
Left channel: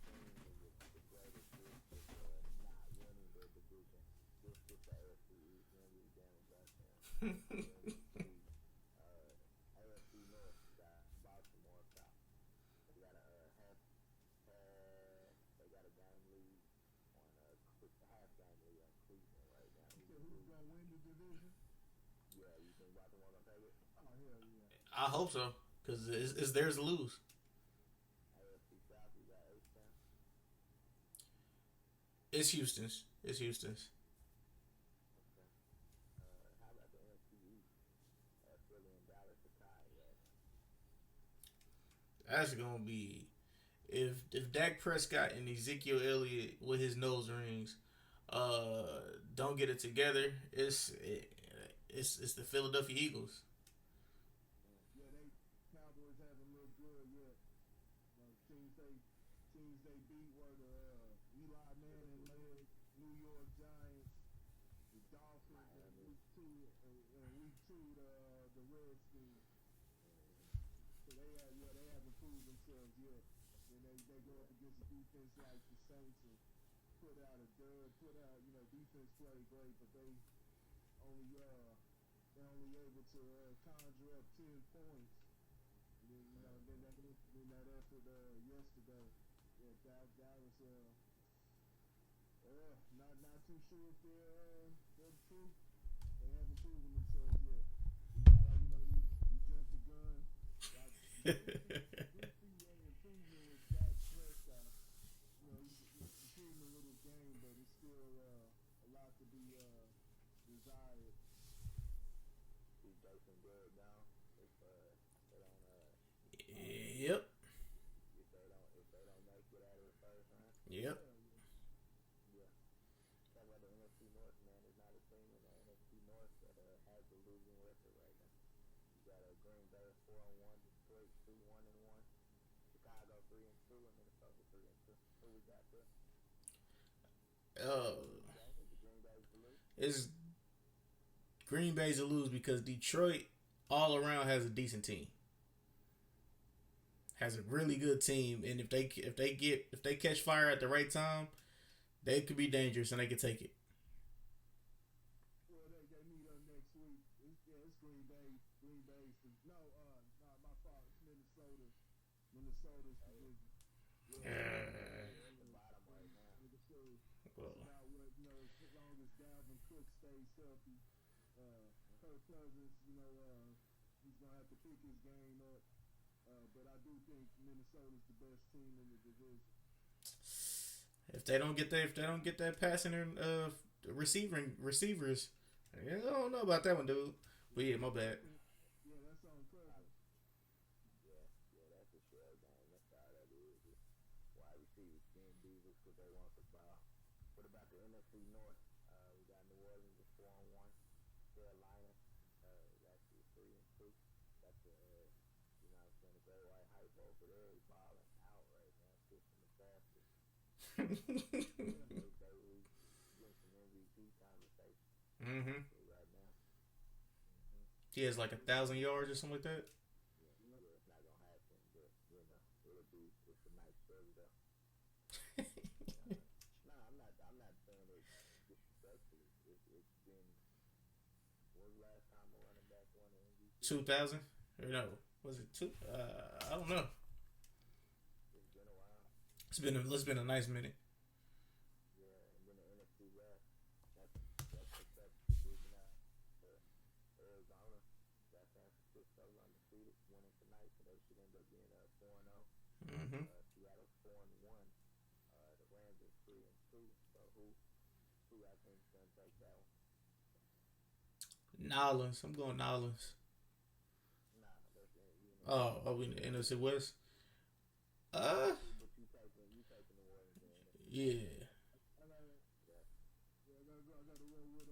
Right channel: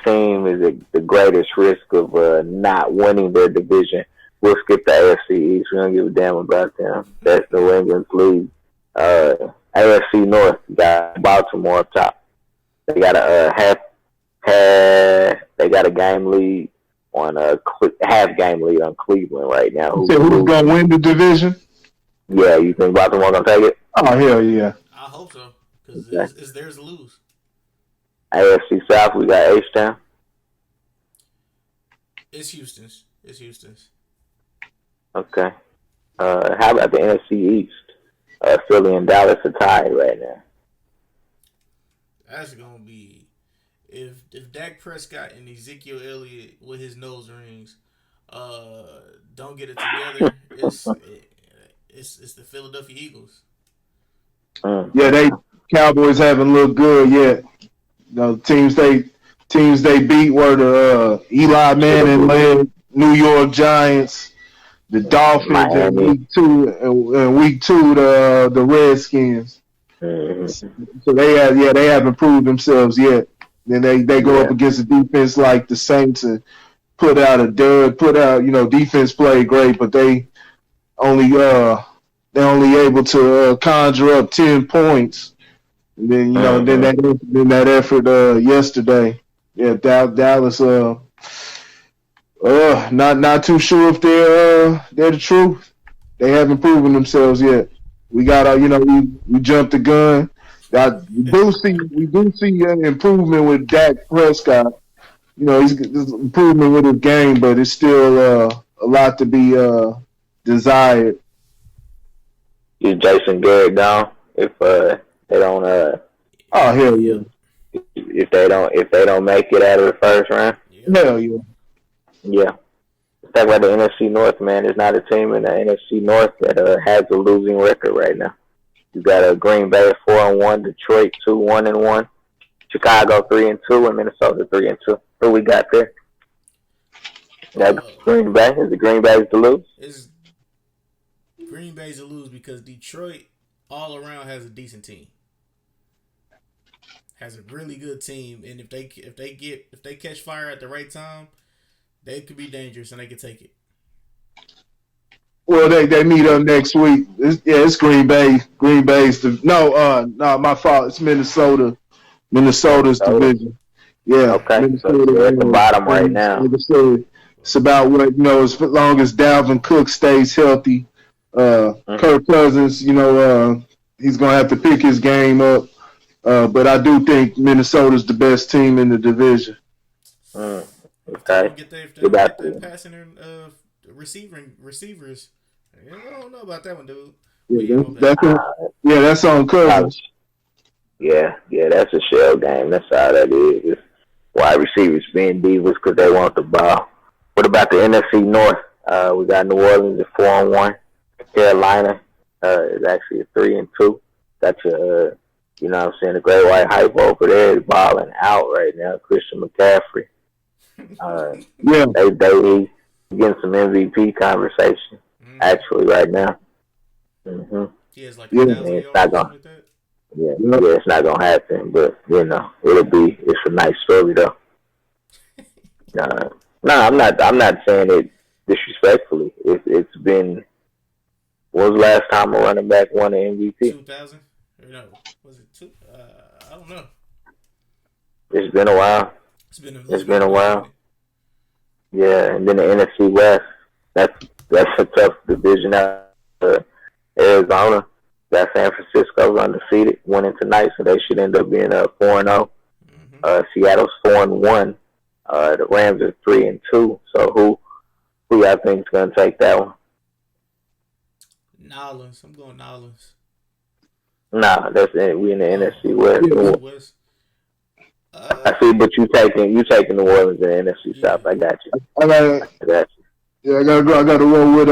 team is at the greatest risk of not winning their division. We'll skip the AFC East. We don't give a damn about them. That's New England's lead. AFC North got Baltimore up top. They got a they got a game lead on half game lead on Cleveland right now. Who's gonna win the division? Yeah, you think Baltimore gonna take it? Oh hell yeah! I hope so because it's theirs to lose. AFC South, we got H-Town. It's Houston's. Okay. How about the NFC East? Philly and Dallas are tied right now. That's gonna be if Dak Prescott and Ezekiel Elliott with his nose rings don't get it together. It's the Philadelphia Eagles. Yeah, they Cowboys haven't looked good yet. The teams they beat were the Eli Manning led New York Giants, the Dolphins in week 2, and week 2 the Redskins. So they haven't proved themselves yet. Then they go up against a defense like the Saints and put out a dud. Defense played great, but they only able to conjure up 10 points. And then then that effort yesterday, Dallas not too sure if they're the truth. They haven't proven themselves yet. We got we jumped the gun. We do see an improvement with Dak Prescott. He's improvement with his game, but it's still a lot to be desired. Is Jason Garrett gone if they don't oh hell yeah. If they don't make it out of the first round? Hell yeah. Yeah. Let's talk about the NFC North, man. There's not a team in the NFC North that has a losing record right now. You got Green Bay 4-1, Detroit 2-1-1, Chicago 3-2, and Minnesota 3-2. Who we got there? That's Green Bay. Is it Green Bay's to lose? It's Green Bay's to lose because Detroit all around has a decent team. Has a really good team, and if they catch fire at the right time, they could be dangerous and they could take it. Well, they meet up next week. It's Green Bay. Green Bay's no, my fault. It's Minnesota. Minnesota's division. Yeah. Okay. Minnesota, so they're at the bottom right now. Minnesota. It's about what as long as Dalvin Cook stays healthy. Kirk Cousins, he's gonna have to pick his game up. But I do think Minnesota's the best team in the division. Okay. If they don't get their passing and receivers, I don't know about that one, dude. That's on Cousins. Yeah, that's a shell game. That's all that is. It's wide receivers being divas because they want the ball. What about the NFC North? We got New Orleans at 4-1. Carolina is actually at 3-2. Got your, the Great White Hype over there is balling out right now. Christian McCaffrey. They getting some MVP conversation actually right now. He has like 1,000 yards like that. Yeah, it's not gonna happen, but it's a nice story though. I'm not saying it disrespectfully. It's been. When was the last time a running back won an MVP? 2000? No, was it two? I don't know. It's been a while. It's been a while. Yeah, and then the NFC West. That's a tough division out. Arizona got San Francisco's undefeated, winning tonight, so they should end up being 4-0. Seattle's 4-1. The Rams are 3-2. So who y'all think is gonna take that one? Nolans. I'm going Nolans. Nah, that's it. We in the NFC West. I see, but you taking New Orleans in the NFC South. I got you. I got you. Yeah, I gotta roll with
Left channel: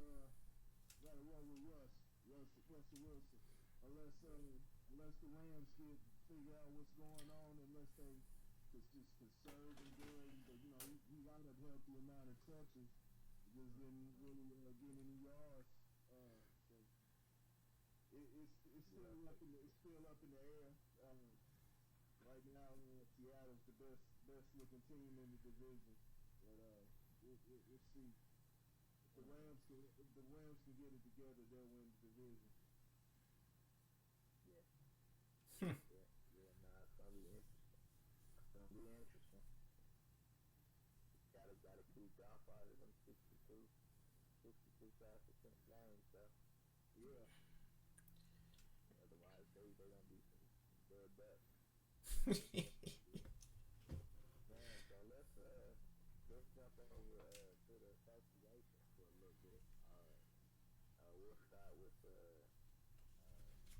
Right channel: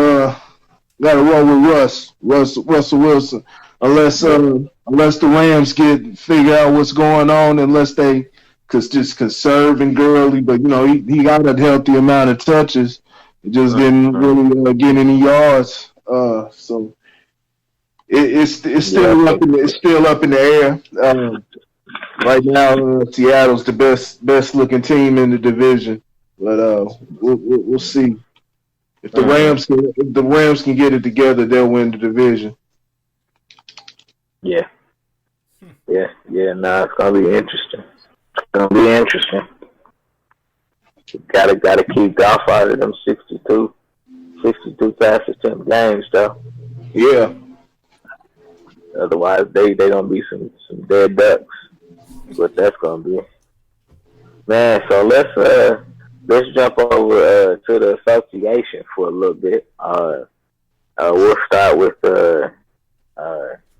Russell Wilson. Unless the Rams figure out what's going on, unless they just conserve and Gurley, but he got a healthy amount of touches. He just didn't really get any yards. So it's still up in the air. Right now, Seattle's the best looking team in the division, but we'll see if the Rams can get it together, they'll win the division. Yeah. No, it's gonna be interesting. Gotta keep golf out of them 62 pass attempt games though. Yeah. Otherwise, they gonna be some dead ducks. But that's gonna be, man. So let's jump over to the association for a little bit. We'll start with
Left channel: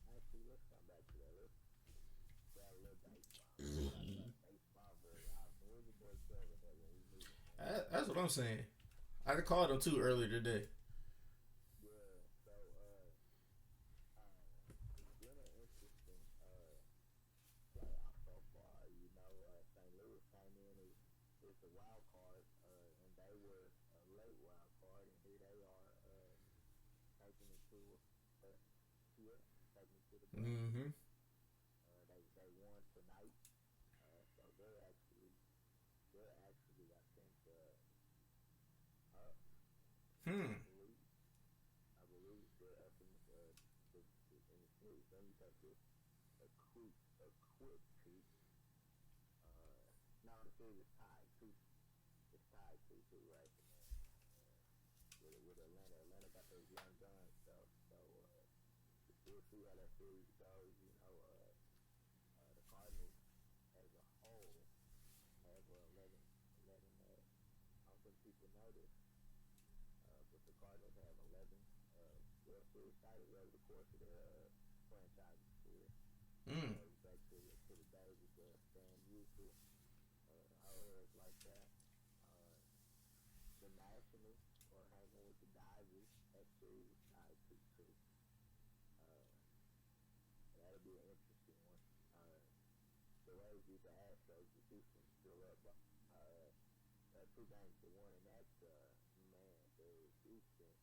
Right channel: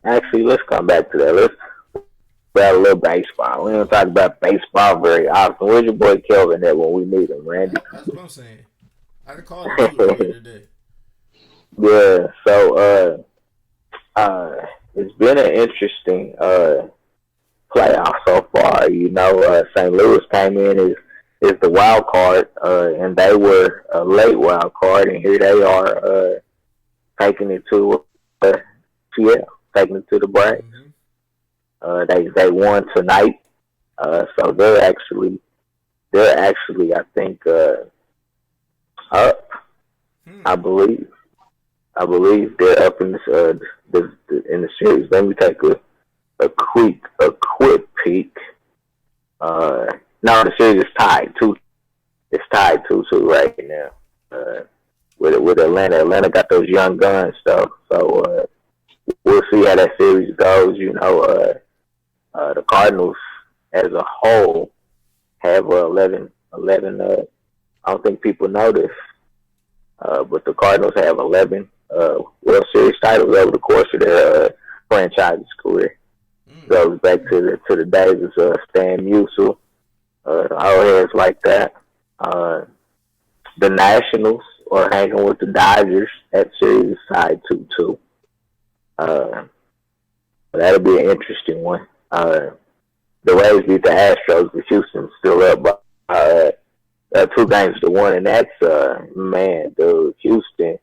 actually, let's come back to that. Let's about a little baseball. We don't talk about baseball very often. Where's your boy Kelvin at when we meet him, Randy? That's what I'm saying. I called him too earlier today. Yeah. So it's been an interesting playoff so far. You know, St. Louis came in as the wild card, and they were a late wild card, and here they are taking it to Seattle, taking it to the Braves. Mm-hmm. They won tonight, so they're actually I think up. I believe they're up in this in the series. Let me take a quick peek. No, the series is tied 2. It's tied 2-2 right now. With Atlanta. Atlanta got those young guns stuff. So we'll see how that series goes. You know, the Cardinals as a whole have 11. I don't think people know this, but the Cardinals have 11 World Series titles over the course of their franchise's career. Goes back to the days of Stan Musial, old heads like that. The Nationals are hanging with the Dodgers. That series is tied 2-2. That'll be an interesting one. The Rays beat the Astros, but Houston's still up by 2-1, and that's man, dude. Houston,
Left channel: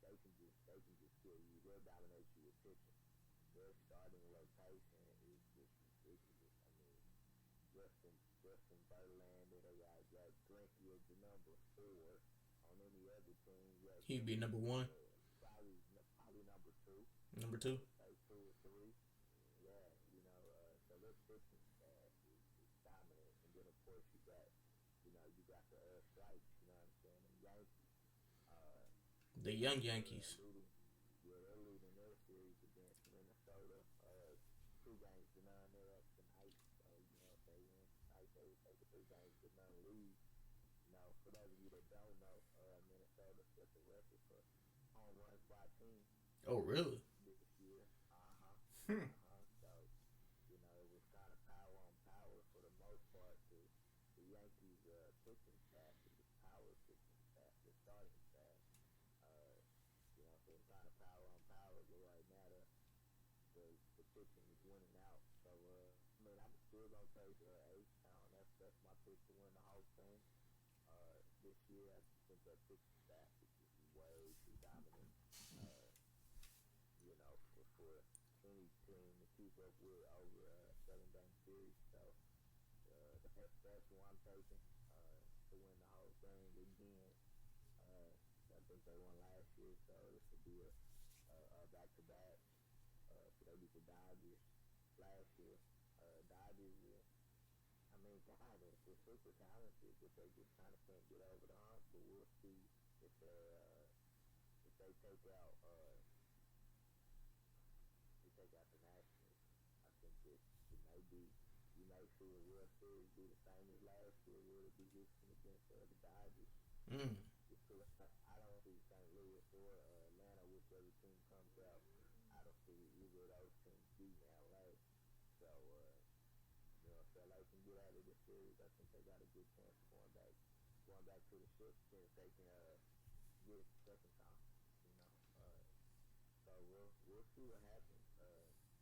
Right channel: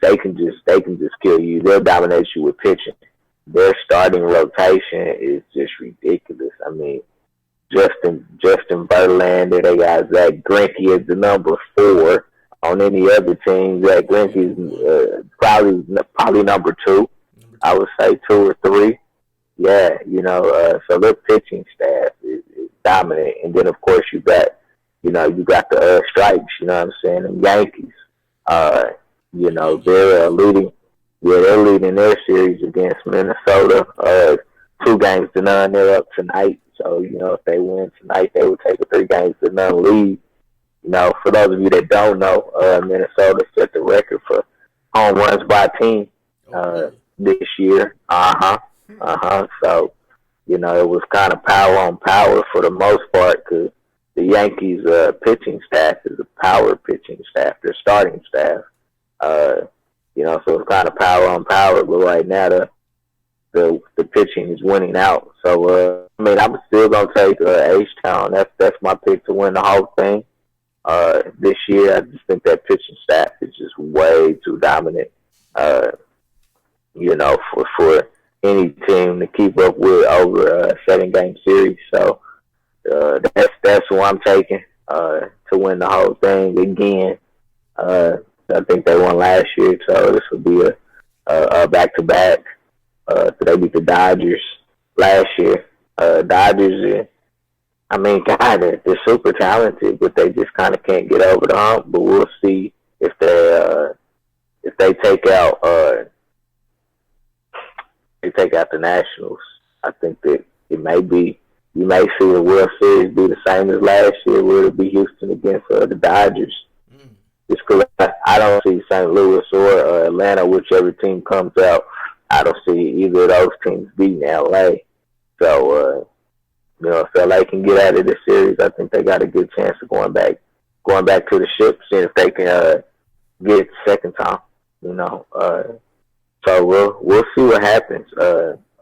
they can just kill you. They'll dominate you with pitching. Their starting rotation is just ridiculous. I mean, Justin Verlander, they got Zach Greinke as the number 4. On any other team, Zach Greinke is probably number 2. I would say 2 or 3. Yeah, you know, so their pitching staff is dominant. And then, of course, you got the stripes, you know what I'm saying, the Yankees. You know, they're leading their series against Minnesota. 2-0. They're up tonight. So, you know, if they win tonight, they would take a 3-0 lead. You know, for those of you that don't know, Minnesota set the record for home runs by a team this year. So, you know, it was kind of power on power for the most part because the Yankees' pitching staff is a power pitching staff, their starting staff. You know, so it's kind of power on power, but right now the pitching is winning out. So, I mean, I'm still going to take H-Town. That's my pick to win the whole thing. This year, I just think that pitching staff is just way too dominant, you know, for any team to keep up with over a 7-game series. So that's who I'm taking to win the whole thing again. I think they won last year, so this will be a back-to-back. So they beat the Dodgers last year. Dodgers, I mean, God, they're super talented, but they just kind of can't get over the hump. But we'll see if they take out the Nationals. I think that it may be. You may see the World Series be the same as last year, where it'll be Houston against the Dodgers. Just because I don't see St. Louis or Atlanta, whichever team comes out, I don't see either of those teams beating LA. So, you know, if LA can get out of this series, I think they got a good chance of going back to the ship, seeing if they can get it the second time. You know, so we'll see what happens.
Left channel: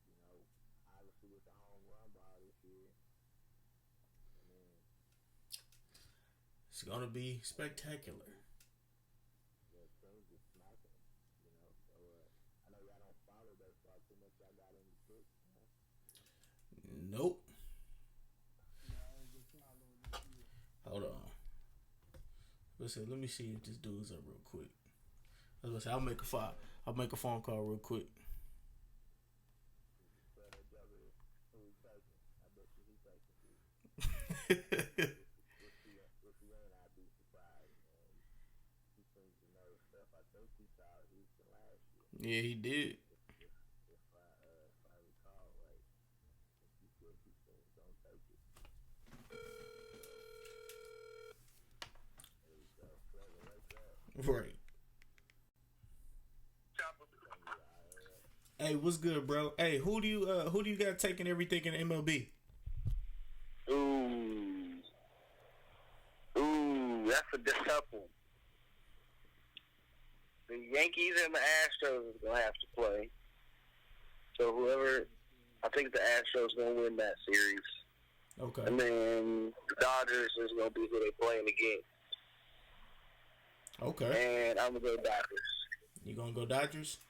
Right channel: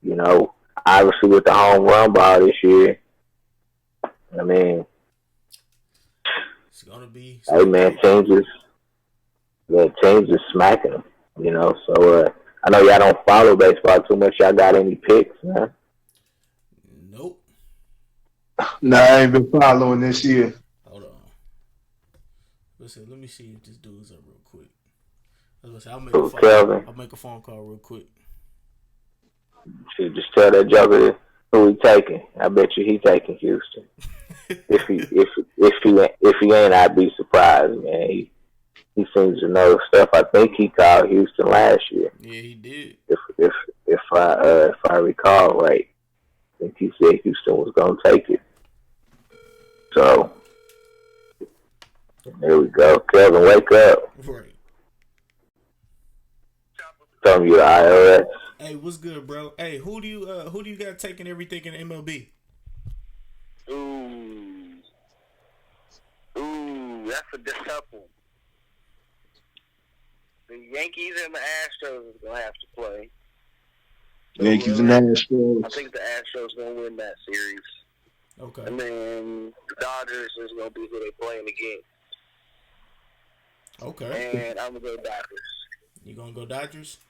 You know, obviously with the home run ball this year, I mean, it's gonna be. Hey man, the teams are smacking them. So I know y'all don't follow baseball too much. Y'all got any picks, man? Nope. Nah, I ain't been following this year. Hold on. Listen, let me see if this dude's up real quick. I'll make a phone call real quick. Should just tell that joker who he taking. I bet you he taking Houston. if he ain't, I'd be surprised, man. He seems to know stuff. I think he called Houston last year. Yeah, he did. If I recall right, I think he said Houston was gonna take it. So there we go. Kevin, wake up. Right. Tell me the IRS. Hey, what's good, bro? Hey, who do you got taking everything in MLB? Ooh, that's a tough one. The Yankees and the Astros is gonna have to play. Yankees and Astros. I think the Astros gonna win that series. Okay. And then the Dodgers is gonna be who they playing against. Okay. And I'm gonna go Dodgers. You gonna go Dodgers?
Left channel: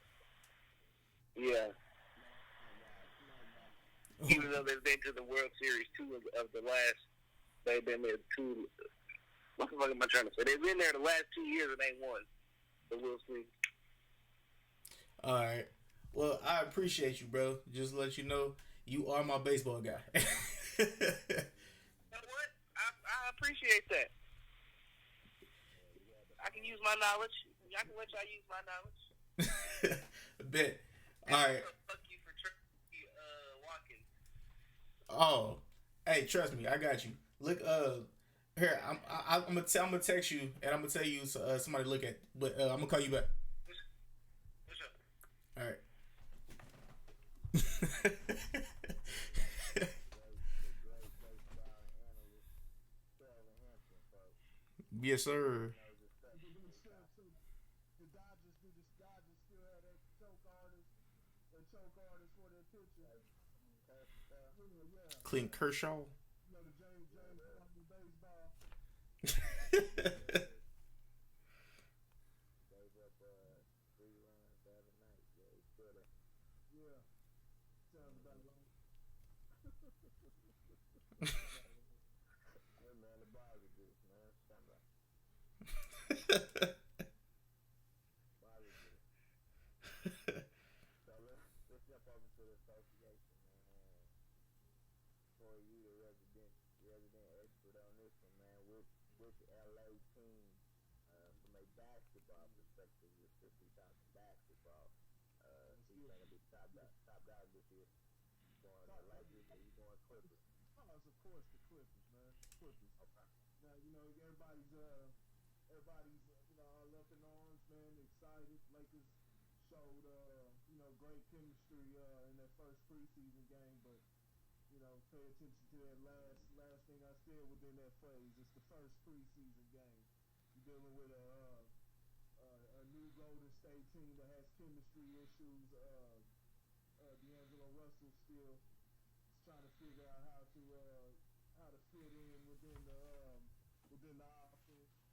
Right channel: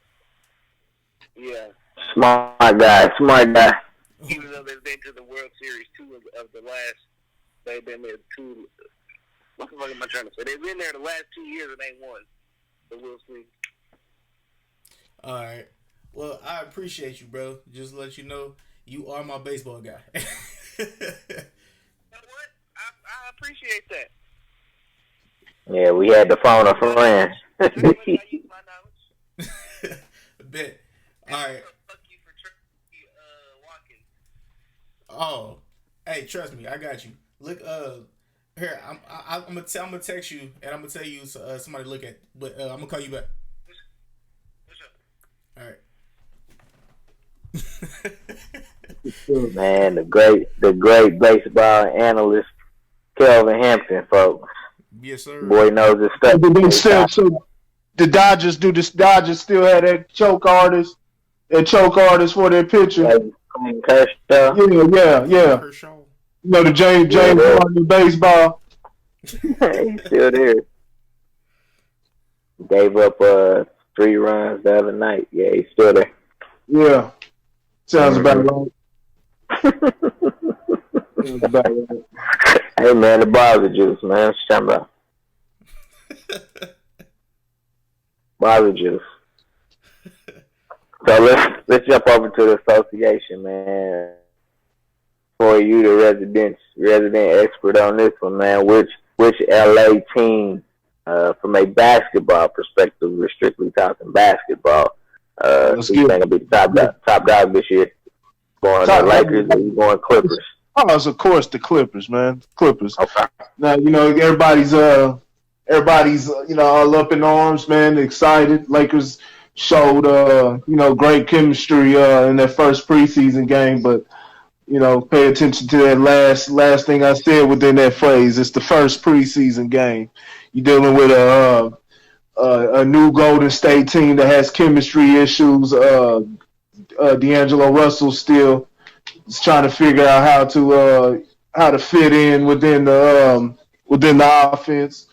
Yeah. Smart guy. Even though they've been to the World Series they've been there two. What the fuck am I trying to say? They've been there the last 2 years and they won. So we'll see. All right. Well, I appreciate you, bro. Just to let you know, you are my baseball guy. You know what? I appreciate that. Yeah, we had to phone a friend. That's how much I use my knowledge. Bet. All right. Fuck you for walking. Oh, hey, trust me, I got you. Look, here, I'm gonna text you, and I'm gonna tell you somebody to look at, but I'm gonna call you back. All right. Man, the great baseball analyst Kelvin Hampton, folks. Yes, sir. Boy knows his stuff. So the Dodgers still have that choke artist for their pitcher. Yeah. Kershaw. You know the James Harden baseball. He's still there. Gave up 3 runs the other night. Yeah, he's still there. Yeah. Sounds about right. Sounds about right. Hey man, the Bobby juice, man. What's you talking about? Bobby juice. So let's jump over to the association, man. For you, the resident expert on this one, man. Which LA team, from a basketball perspective, we're strictly talking basketball, you think will be the top dog this year? Going the Lakers or you going Clippers? Oh, it's of course the Clippers, man. Clippers. Okay. Now everybody's all up in arms, man. Excited. Lakers showed great chemistry in their first preseason game, but pay attention to that last thing I said within that phrase. It's the first preseason game. You're dealing with a new Golden State team that has chemistry issues. D'Angelo Russell still is trying to figure out how to fit in within the offense.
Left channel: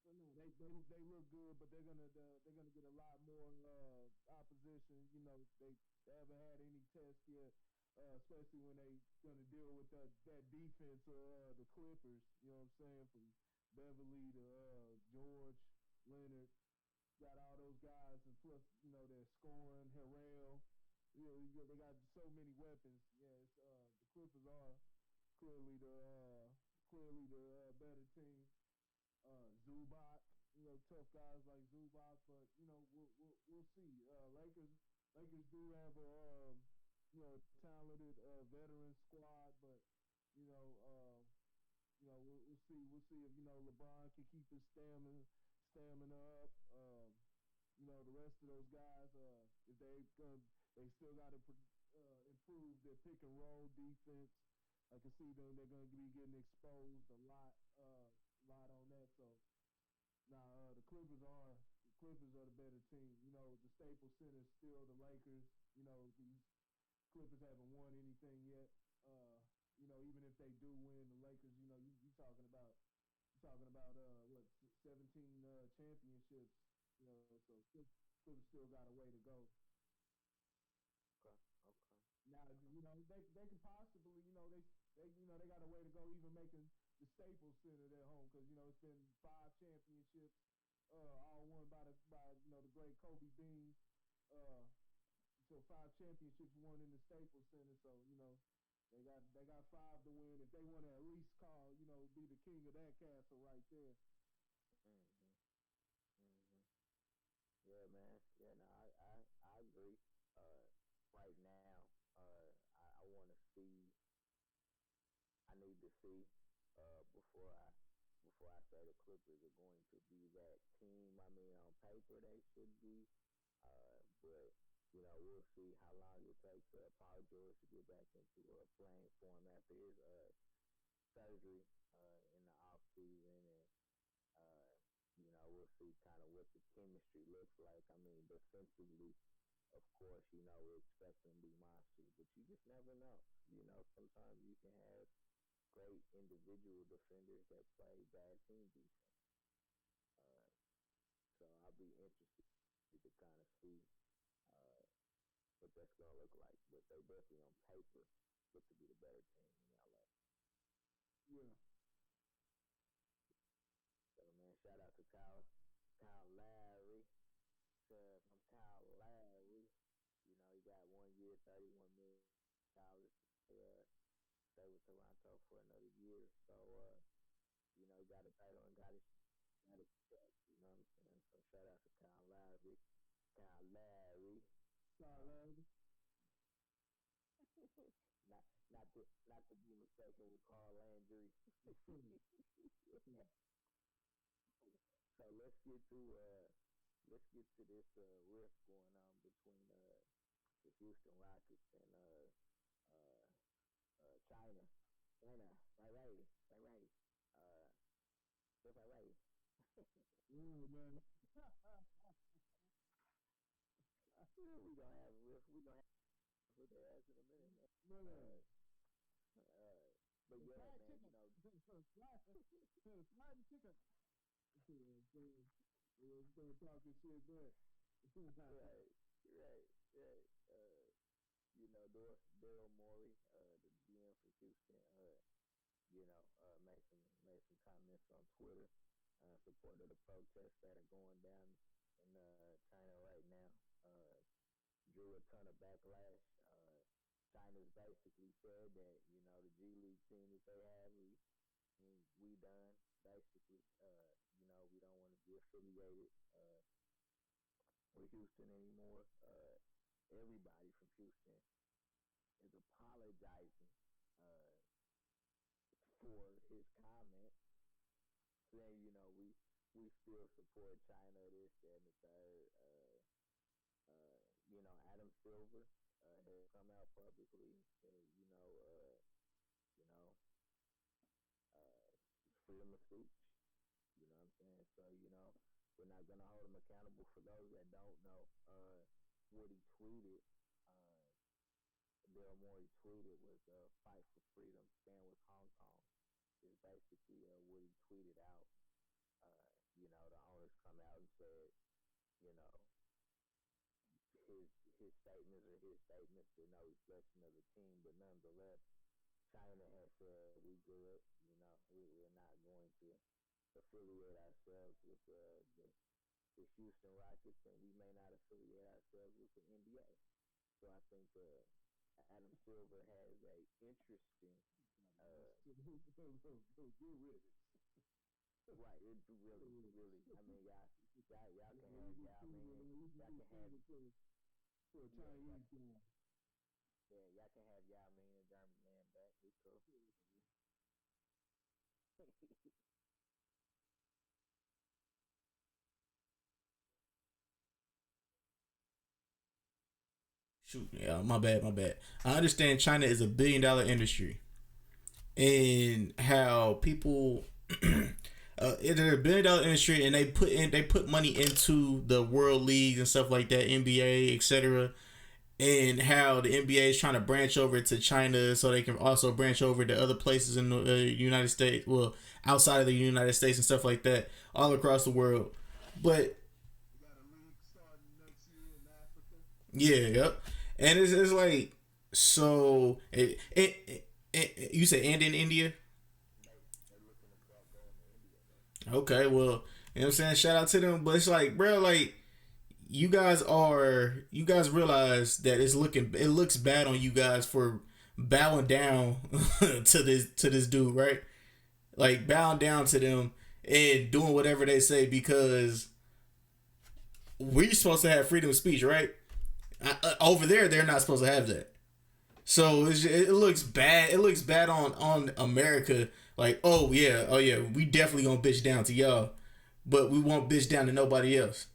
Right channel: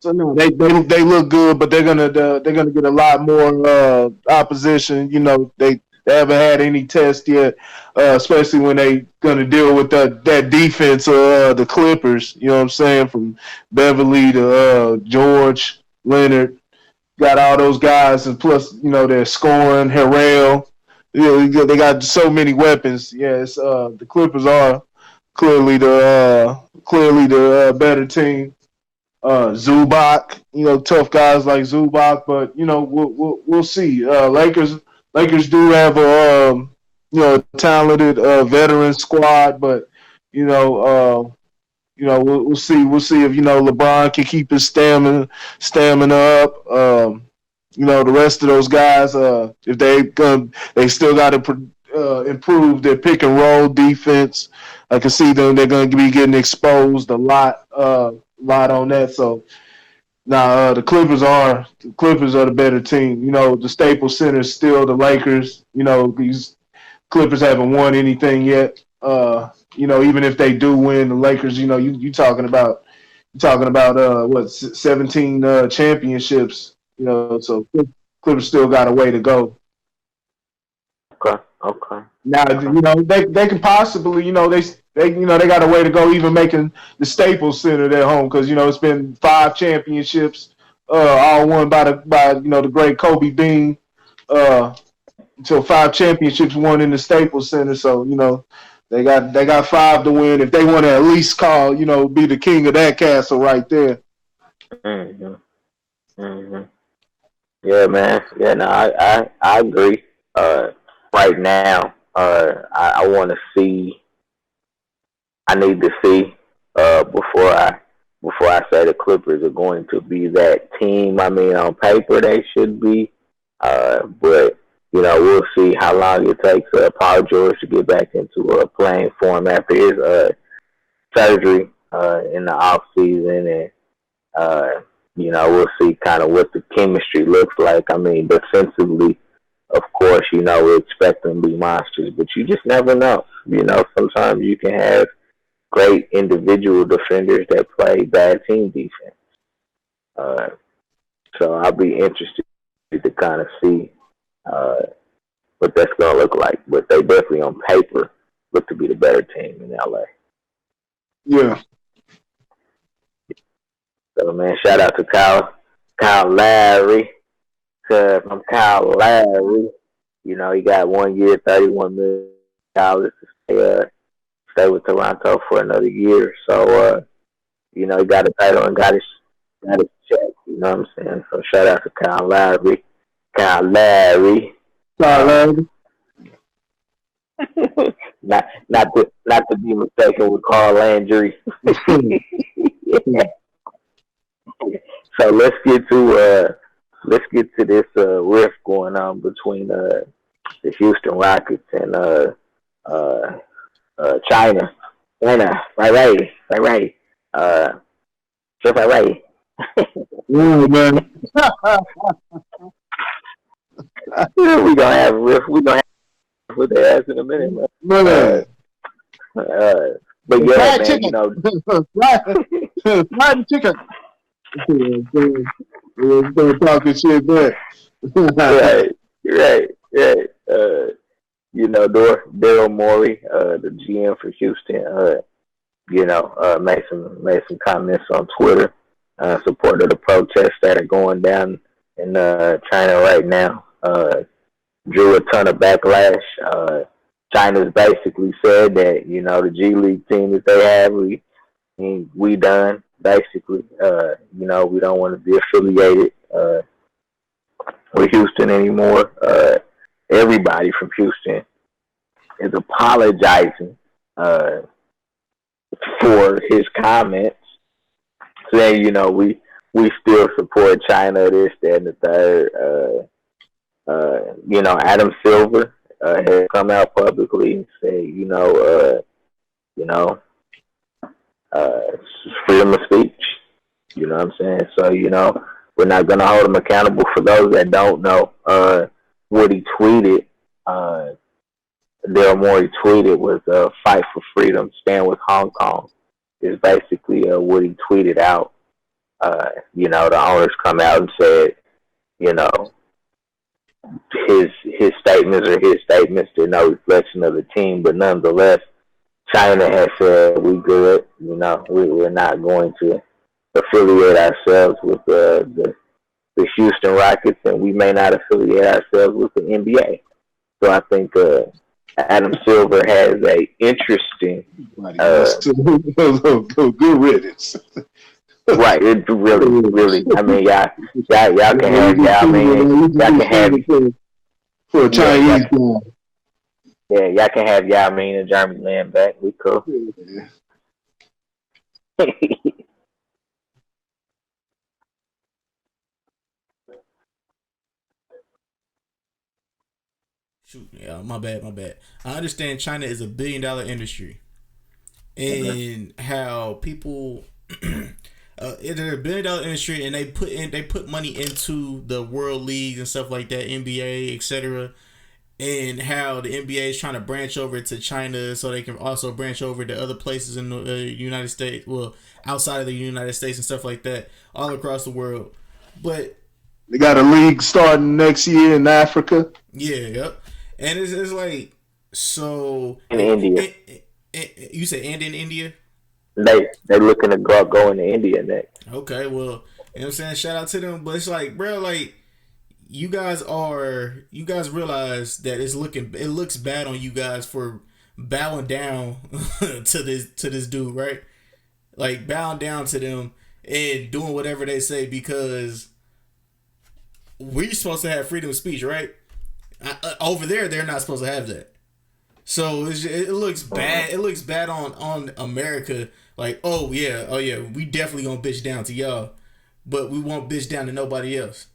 So no, they look good, but they're gonna get a lot more opposition. They haven't had any test yet, especially when they gonna deal with that defense of the Clippers. You know what I'm saying? From Beverly to George, Leonard, got all those guys, and plus they're scoring. Harrell, they got so many weapons. Yes, the Clippers are clearly the better team. Zubac, tough guys like Zubac, but we'll see. Lakers do have a talented veteran squad, but we'll see. We'll see if LeBron can keep his stamina up. The rest of those guys, if they still got to improve their pick and roll defense. I can see them; they're going to be getting exposed a lot on that. So now the Clippers are the better team. The Staples Center is still the Lakers. These Clippers haven't won anything yet. Even if they do win, the Lakers, you talking about, talking about 17 championships. So Clippers still got a way to go. Okay. Now they can possibly they got a way to go even making the Staples Center their home because it's been 5 championships, all won by the great Kobe Bean. So 5 championships won in the Staples Center. So they got 5 to win if they want to at least be the king of that castle right there. Mm-hmm. Mm-hmm. Yeah, man. Yeah, no, I agree. Right now, I want to see. I need to see before I say the Clippers are going to be that team. I mean, on paper they should be, but we'll see how long it takes Paul George to get back into playing form after his surgery in the off season, and we'll see kind of what the chemistry looks like. I mean, defensively, of course, we expect them to be monsters, but you just never know. Sometimes you can have great individual defenders that play bad team defense. So I'll be interested to kind of see what that's going to look like. But they definitely, on paper, look to be the better team in LA. Yeah. So, man, shout out to Kyle Lowry. From Kyle Lowry, he got 1 year, $31 million to stay with Toronto for another year. So, he got a title and got his check. You know what I'm saying? So, shout out to Kyle Lowry. Kyle Lowry. not to be mistaken with Carl Landry. So let's get to this rift going on between the Houston Rockets and China. China, right. Just right. Yeah, man. We gonna have a rift. We gonna have with their ass in a minute, man. But yeah, man, fried chicken. We're talking shit back. right. Daryl Morey, the GM for Houston, made some comments on Twitter, supporting the protests that are going down in China right now. Drew a ton of backlash. China's basically said that the G League team that they have, we done basically. We don't want to be affiliated with Houston anymore. Everybody from Houston is apologizing for his comments, saying we still support China, this, that, and the third. Adam Silver has come out publicly and said, freedom of speech. You know what I'm saying? So, we're not going to hold him accountable. For those that don't know, what he tweeted, Daryl Morey tweeted was fight for freedom, stand with Hong Kong, is basically what he tweeted out. The owners come out and said, his statements are his statements. They're no reflection of the team, but nonetheless, China has said we good. We're not going to affiliate ourselves with the Houston Rockets, and we may not affiliate ourselves with the NBA. So I think Adam Silver has a interesting. Good riddance. Right, it really. I mean, y'all can have Yao Ming. Y'all can have for a Chinese guy. Yeah, y'all can have Yao Ming and Jeremy Lamb back. We cool. Shoot, yeah, my bad. I understand China is $1 billion industry, and how people. It's a $1 billion industry, and they put money into the world leagues and stuff like that, NBA, etc. and how the NBA is trying to branch over to China so they can also branch over to other places in the United States, well, outside of the United States and stuff like that, all across the world. But they got a league starting next year in Africa. Yeah, yep. And it's like, so In India. You said and in India? They looking to go into India next. Okay, well, you know what I'm saying? Shout out to them. But it's like, bro, like, you guys realize that it looks bad on you guys for bowing down to this dude, right? Like, bowing down to them and doing whatever they say, because we're supposed to have freedom of speech, right? Over there, they're not supposed to have that. So it looks bad. It looks bad on America. Like, oh yeah, we definitely gonna bitch down to y'all, but we won't bitch down to nobody else.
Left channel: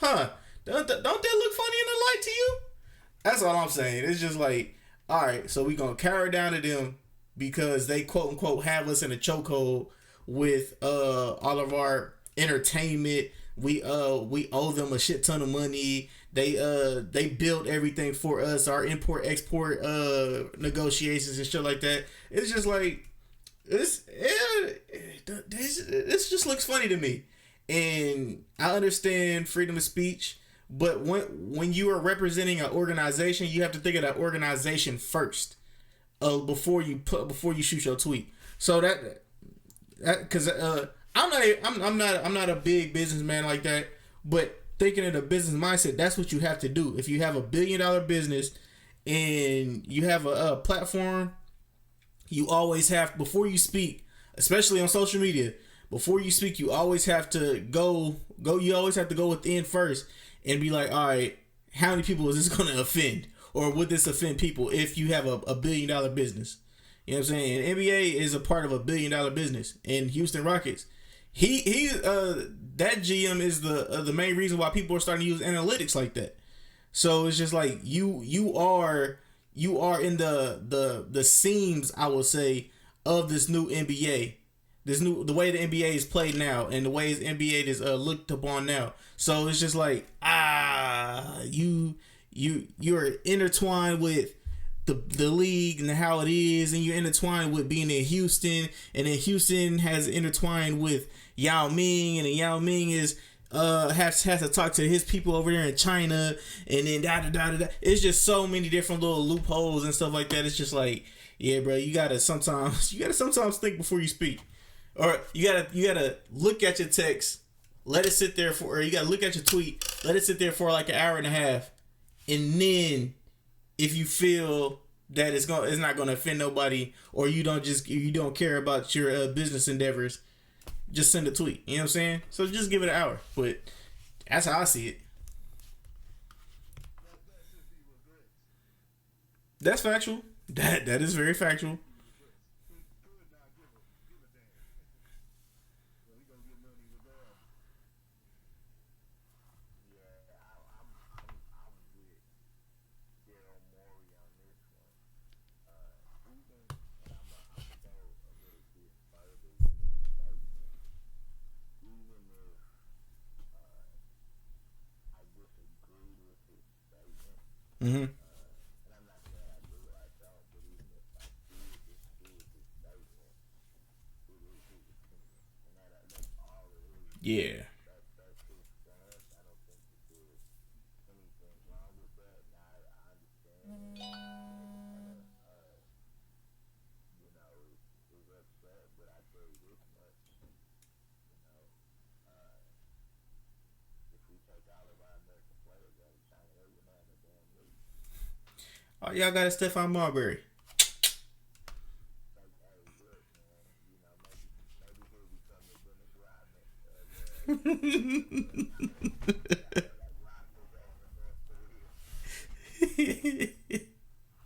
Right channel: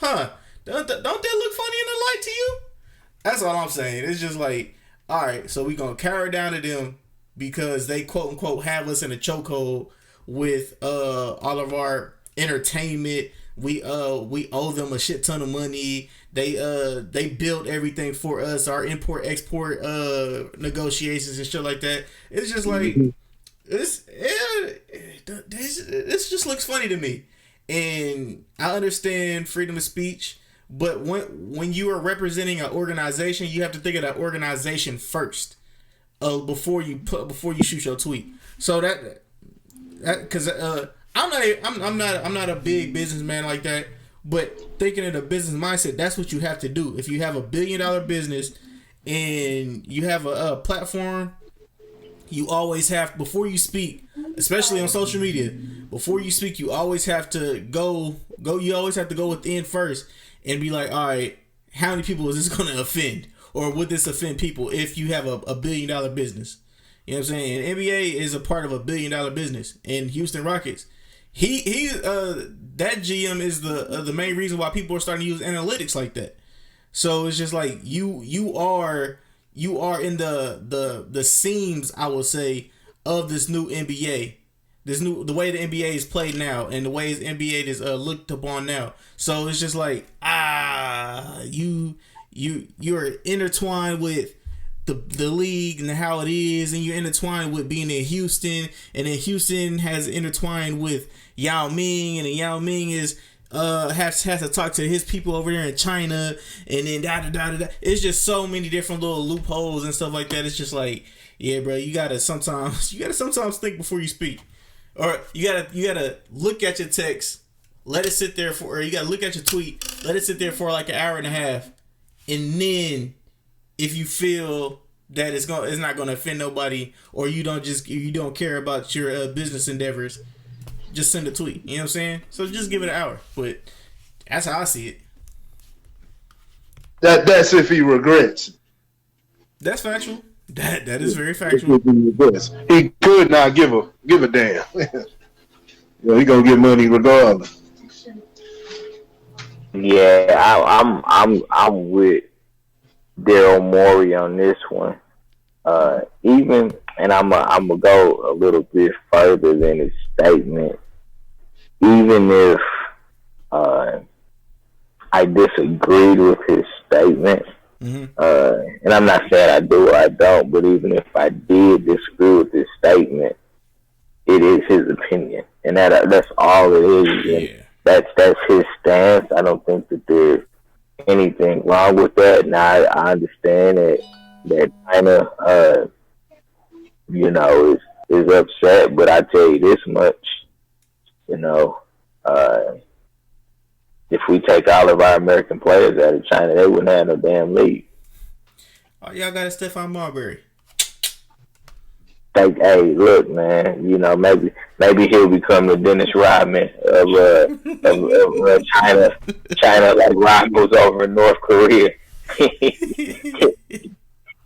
Huh? Don't that look funny in the light to you? That's all I'm saying. It's just like, all right, so we gonna cower down to them because they quote unquote have us in a chokehold with all of our entertainment. We owe them a shit ton of money. They built everything for us, our import export negotiations and shit like that. It's just like this just looks funny to me. And I understand freedom of speech, but when you are representing an organization, you have to think of that organization first, before you shoot your tweet. So that because I'm not a big businessman like that, but thinking of the business mindset, that's what you have to do. If you have $1 billion business and you have a platform, you always have, before you speak, especially on social media, before you speak, you always have to go. You always have to go within first and be like, all right, how many people is this going to offend, or would this offend people if you have a $1 billion business? You know what I'm saying? And NBA is a part of a $1 billion business, and Houston Rockets. That GM is the main reason why people are starting to use analytics like that. So it's just like you are in the seams, I will say, of this new NBA, the way the NBA is played now, and the way the NBA is looked upon now. So it's just like you're intertwined with the league and how it is, and you're intertwined with being in Houston, and then Houston has intertwined with Yao Ming, and then Yao Ming is has to talk to his people over there in China, and then da. It's just so many different little loopholes and stuff like that. It's just like, yeah, bro, you gotta sometimes think before you speak, or you gotta look at your text, let it sit there or you gotta look at your tweet, let it sit there for like an hour and a half, and then if you feel that it's not gonna offend nobody, or you don't care about your business endeavors, just send a tweet. You know what I'm saying? So just give it an hour. But that's how I see it. That's if he regrets. That's factual. That is very factual. He could not give a damn. He gonna get money regardless. Yeah, I'm with Daryl Morey on this one. And I'm gonna go a little bit further than his statement. Even if I disagreed with his statement, and I'm not saying I do or I don't, but even if I did disagree with his statement, it is his opinion, and that's all it is. Yeah. That's his stance. I don't think that there's anything wrong with that. Now I understand that China, is upset, but I tell you this much, if we take all of our American players out of China, they wouldn't have no damn league. Oh, y'all got a Stephon Marbury. Hey, look, man. Maybe he'll become the Dennis Rodman of China. China, like rivals over in North Korea.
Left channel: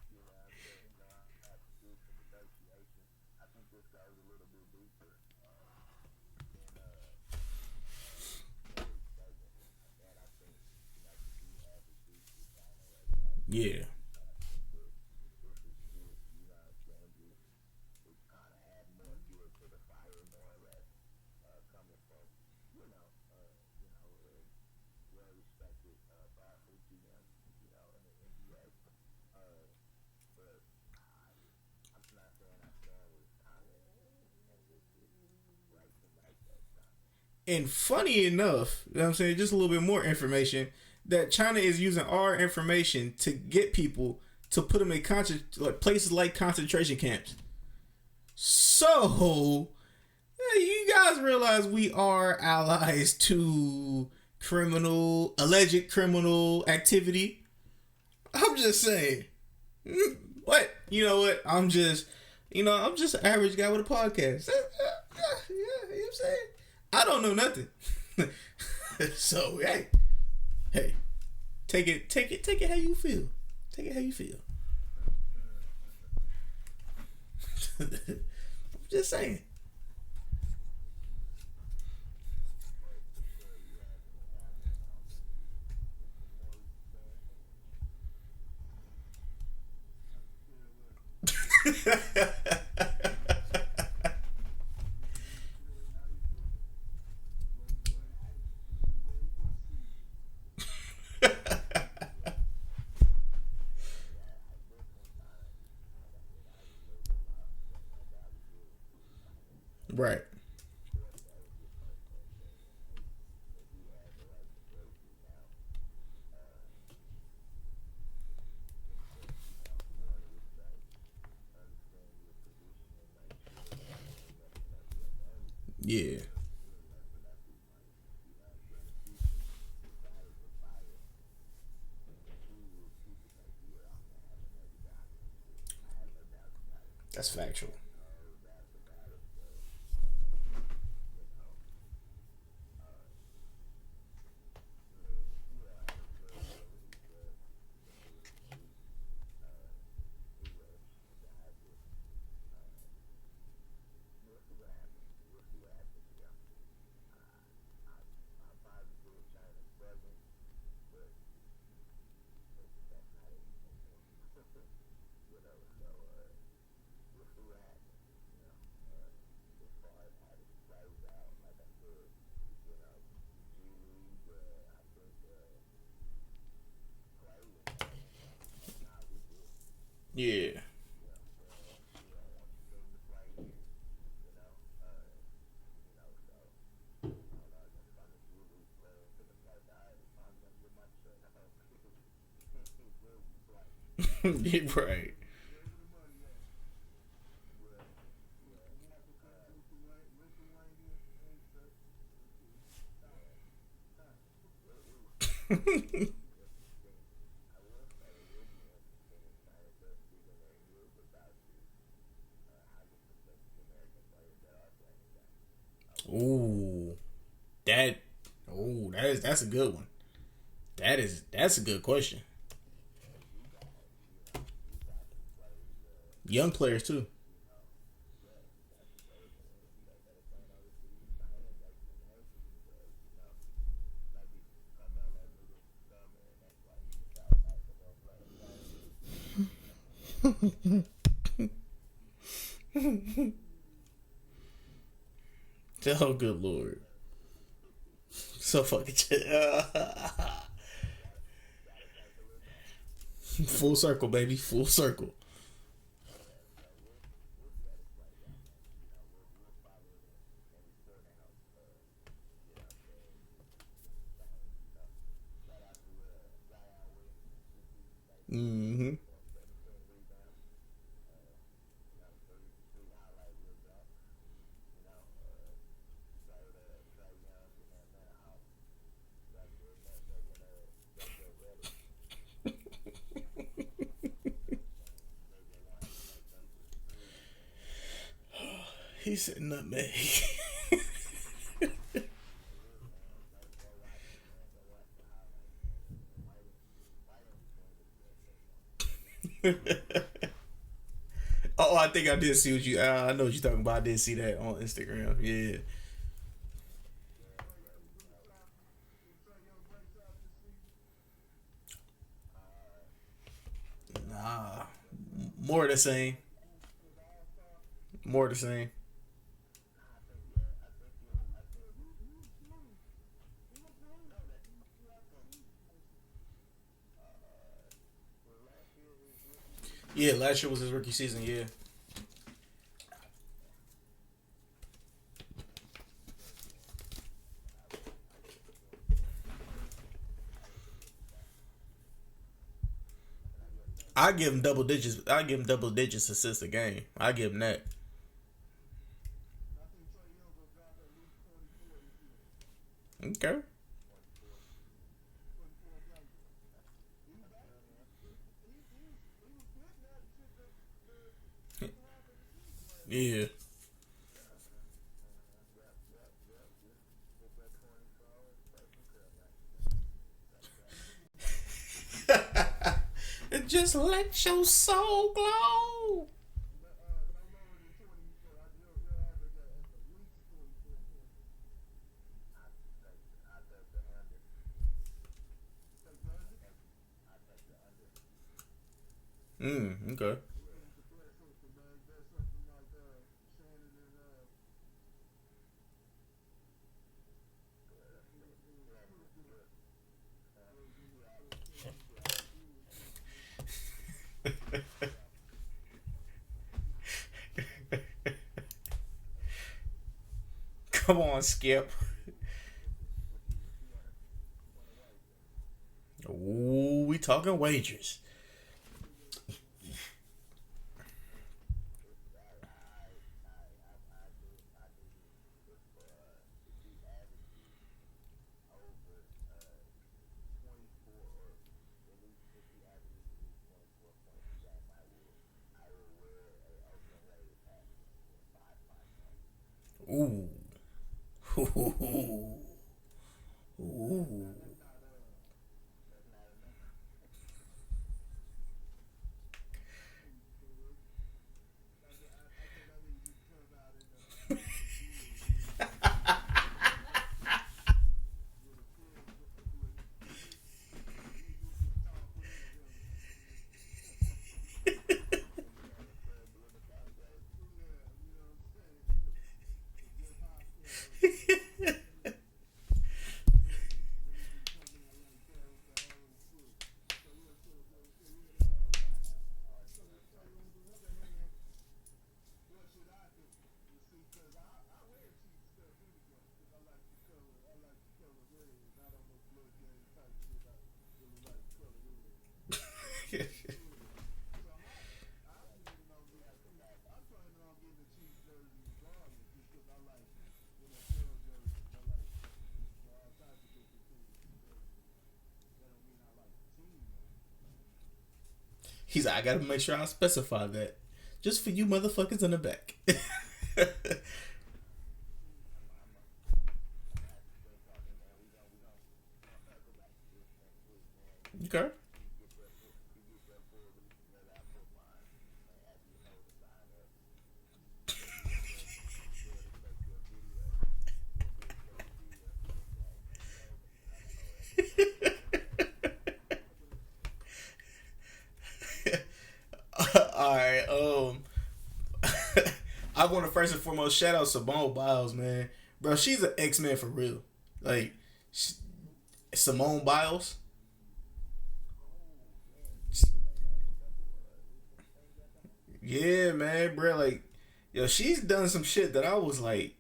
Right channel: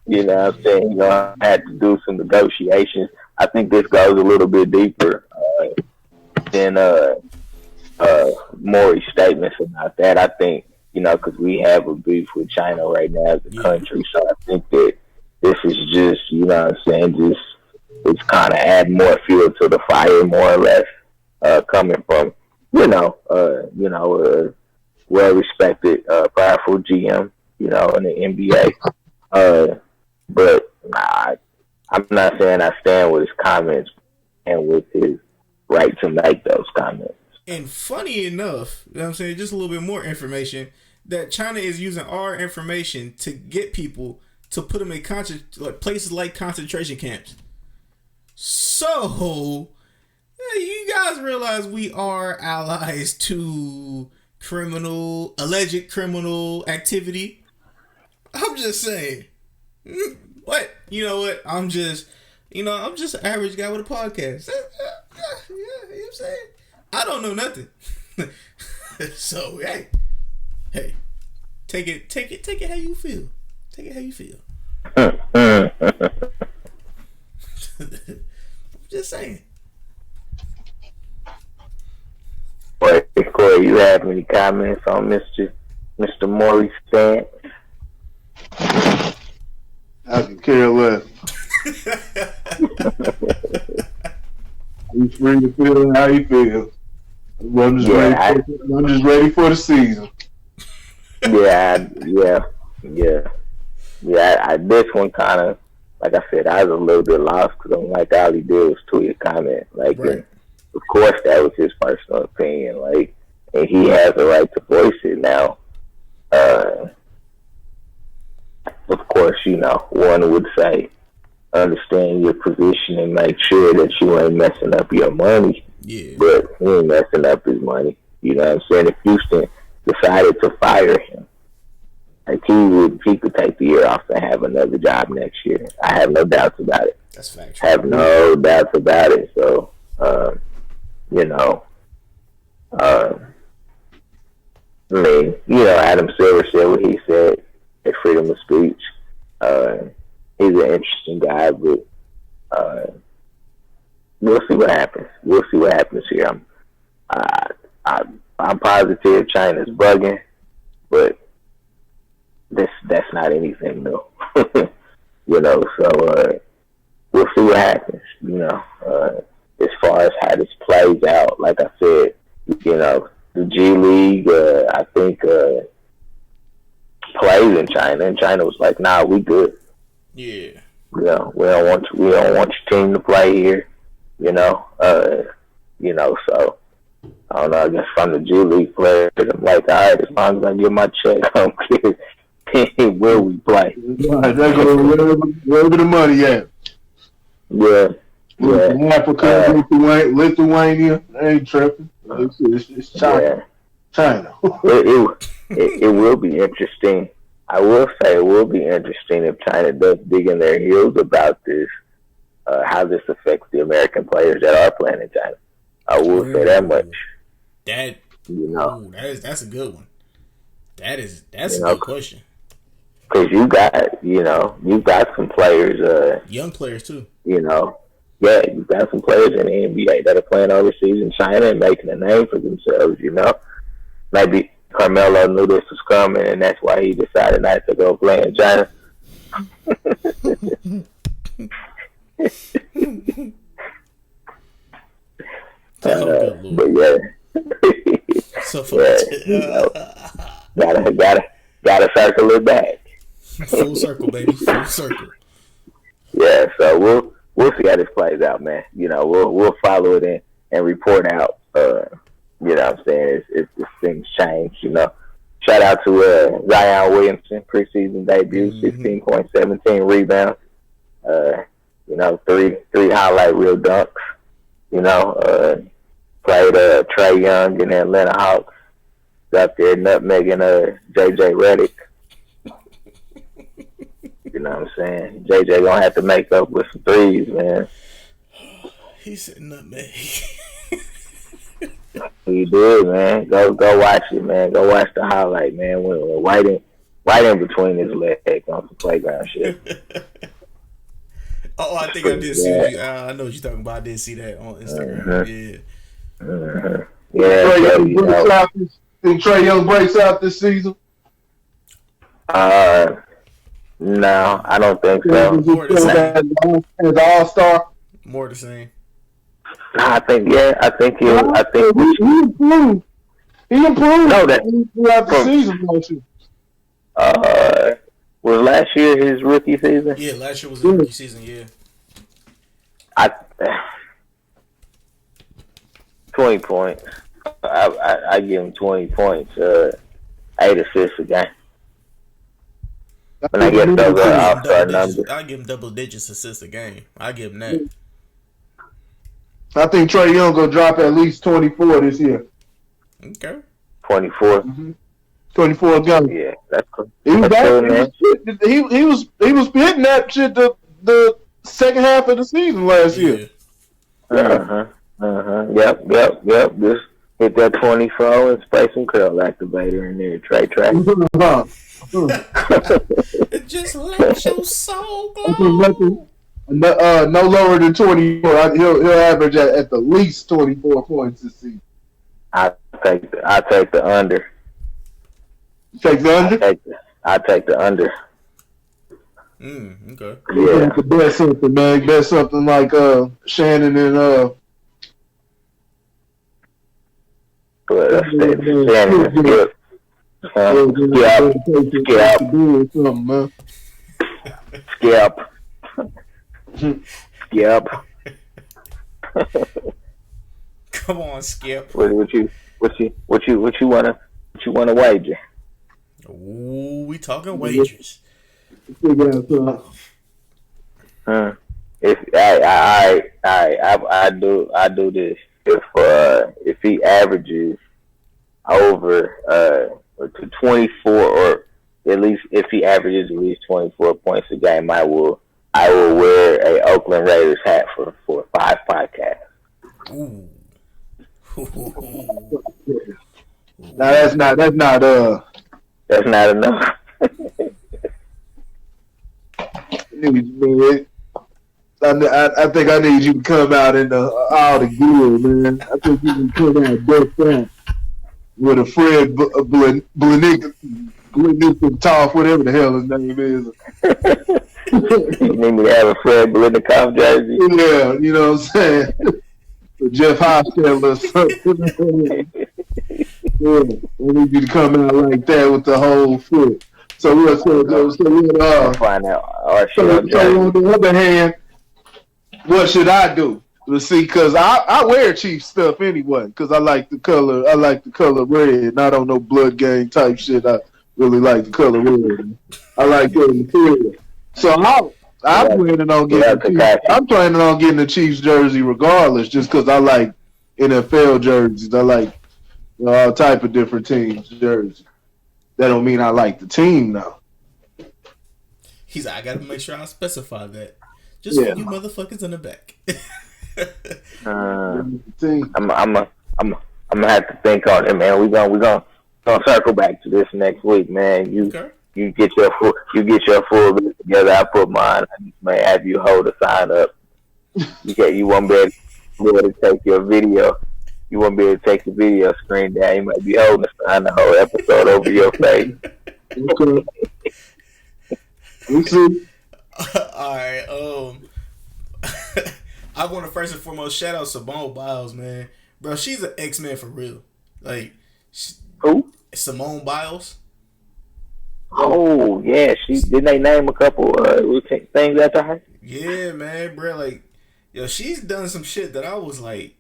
You know what I'm saying? I had to do some negotiations. I think this goes a little bit deeper than Maury's statements about that. I think, because we have a beef with China right now as a country, so I think that this is just, just it's kind of add more fuel to the fire, more or less, coming from, well-respected, powerful GM. in the NBA. But nah, I'm not saying I stand with his comments and with his right to make those comments. And funny enough, you know what I'm saying, just a little bit more information, that China is using our information to get people to put them in places like concentration camps. So, you guys realize we are allies to alleged criminal activity? I'm just saying. What? You know what? I'm just an average guy with a podcast. Yeah, you know what I'm saying? I don't know nothing. So, hey, take it how you feel. Take it how you feel. I'm just saying. Wait, Corey, you have any comments on Mr. Maury's stance? I can care less. He's free to feel how he feels. I'm just ready for the season. Yeah. This one kind of, like I said, I was a little bit lost because I'm like, all he did was tweet a comment. Like, right. Of course, that was his personal opinion. Like, and he has a right to voice it now. Of course, one would say, understand your position and make sure that you ain't messing up your money. Yeah. But he ain't messing up his money. You know what I'm saying? If Houston decided to fire him, like he could take the year off and have another job next year. I have no doubts about it. That's factual. I have no doubts about it. So, Adam Silver said what he said at freedom of speech. He's an interesting guy, but we'll see what happens. We'll see what happens here. I'm positive China's bugging, but that's not anything new. So we'll see what happens. As far as how this plays out, like I said, the G League, I think, plays in China, and China was like, "Nah, we good. Yeah, we don't want your team to play here." So I don't know. I guess from the G League players, I'm like, all right, as long as I get my check, I don't care where we play. Wherever the money at. Yeah. Africa, Lithuania, they ain't tripping. It's China. Yeah. China. It will be interesting. I will say it will be interesting if China does dig in their heels about this, how this affects the American players that are playing in China. I will say that much. That's a good one. That's a good question. Because you got some players, young players too. Yeah, you've got some players in the NBA that are playing overseas in China and making a name for themselves. Maybe Carmelo knew this was coming, and that's why he decided not to go play in China. Good Lord. But yeah, so gotta circle it back. Full circle, baby, full circle. Yeah, so we'll see how this plays out, man. We'll follow it in and report out. What I'm saying, if things change. Shout out to Zion Williamson, preseason debut, 16.17 rebounds. Three highlight reel dunks. Played Trae Young in the Atlanta Hawks. Got there nutmegging JJ Redick. You know what I'm saying? JJ gonna have to make up with some threes, man. He said nutmeg. He did, man. Go watch it, man. Go watch the highlight, man. When right in between his legs on some playground shit. Oh, I think I did see what you. I know what you're talking about. I did see that on Instagram. Yeah. Yeah. Think Trae Young breaks out this season? No, I don't think so. More the same. As an all-star? More the same. I think he'll. I think he improved. He improved. No, that throughout the season, don't you? Was last year his rookie season? Yeah, last year was his rookie season. Yeah. 20 points. I give him 20 points. 8 assists a game. And I guess those are all-star numbers. I give him double digits assists a game. I give him that. I think Trae Young gonna drop at least 24 this year. Okay. 24. 24 a game. Yeah, that's cool. He was That's back. cool, man. He was hitting that shit the second half of the season last year. Yep. Just hit that 24 and spray some curl activator in there. Trey. Just let your soul glow. No lower than 24. He'll average at the least 24 points this season. I take the under. You take the under? I take the under. Okay. Yeah. To bet something, man. Bet something like Shannon and Shannon Skip. Skip. Come on, Skip. What you wanna wager? Ooh, we talking wagers. If I do this. If he averages over to 24, or at least if he averages at least 24 points a game, I will wear a Oakland Raiders hat for 5 podcasts. Ooh. Now that's not enough. I think I need you to come out in all the gear, man. I think you can come out decked out with a Fred Blenikoff, whatever the hell his name is. You need me to have a Fred Blenikoff jersey? Yeah, you know what I'm saying? Jeff Hostel or something. Yeah, I need you to come out like that with the whole foot. So on the other hand, what should I do? Let's see, because I wear Chief stuff anyway, because I like the color. I like the color red, not on no blood gang type shit. I really like the color red. I like the material. So I'm planning on getting. I'm planning on getting the Chiefs jersey regardless, just because I like NFL jerseys. I like all type of different teams jerseys. That don't mean I like the team now. He's like, I gotta make sure I specify that. Just for you motherfuckers in the back. I'm gonna have to think on it, man. We're gonna circle back to this next week, man. You get your full list together. I put mine. I may have you hold a sign up. You won't be able to take your video. You won't be able to take the video screen down. You might be holding a sign the whole episode over your face. Okay. We'll see. All right. I want to first and foremost shout out Simone Biles, man. Bro, she's an X-Men for real. Like, who? Simone Biles. Oh yeah, didn't they name a couple things after her? Yeah, man, bro. Like, yo, she's done some shit that I was like,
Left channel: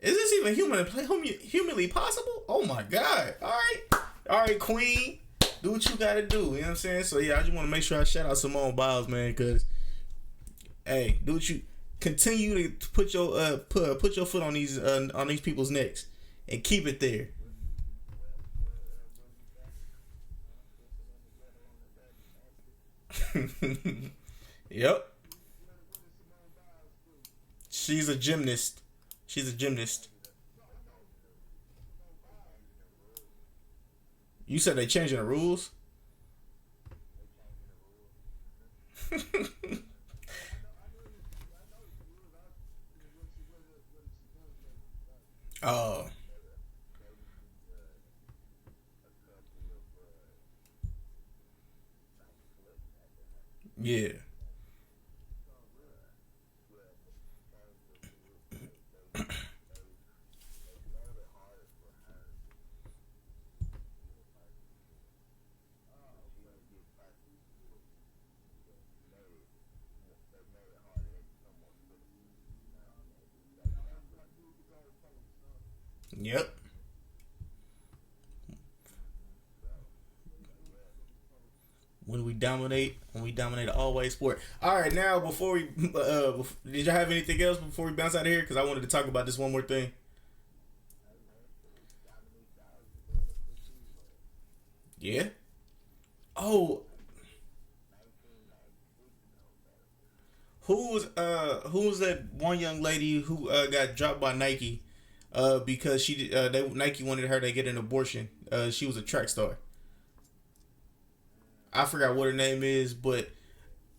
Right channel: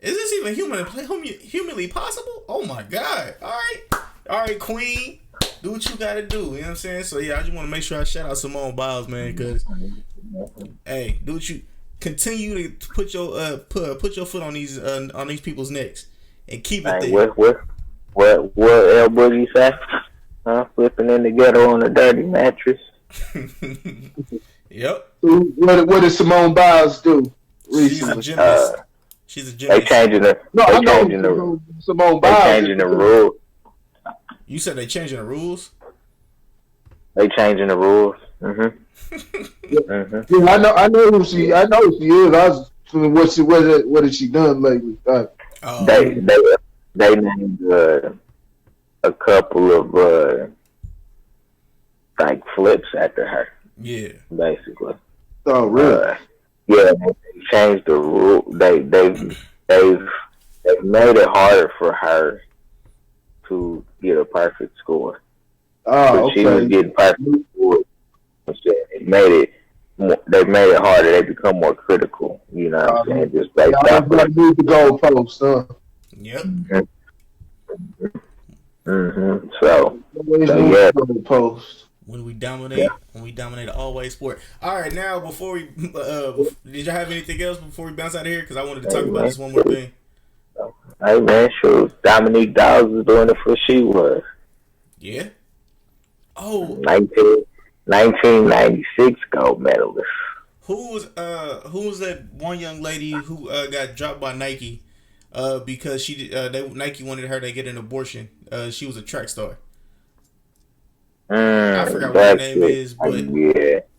is this even humanly possible? Oh my god! All right, Queen, do what you gotta do. You know what I'm saying? So yeah, I just want to make sure I shout out Simone Biles, man, because hey, do what you continue to put your foot on these people's necks and keep it there. What El Boogie say? Flipping in the ghetto on a dirty mattress. Yep. What did Simone Biles do? She's a gymnast. She's a gymnast. They changing the. No, I know Simone Biles. They changing the rules. You said they changing the rules? They changing the rules. Yeah, I know who she is. I was what has she done lately? They named a couple of like flips after her. Yeah, basically. Oh, really? Yeah, they changed the rule. They've made it harder for her to get a perfect score. Oh, but she was getting perfect scores made it. They made it harder. They become more critical. You know what I'm saying? Just based off Y'all move the goalposts, huh? Yep. So Always yeah. move the goalposts. When we dominate an always sport. All right, now before we, did y'all have anything else before we bounce out of here? Because I wanted to talk about this one more thing. Hey man, sure. Dominique Dawes was doing it for she was. Yeah. Oh. 1996 gold medalist. Who was that one young lady who got dropped by Nike because Nike wanted her to get an abortion? She was a track star. I forgot what her name is, but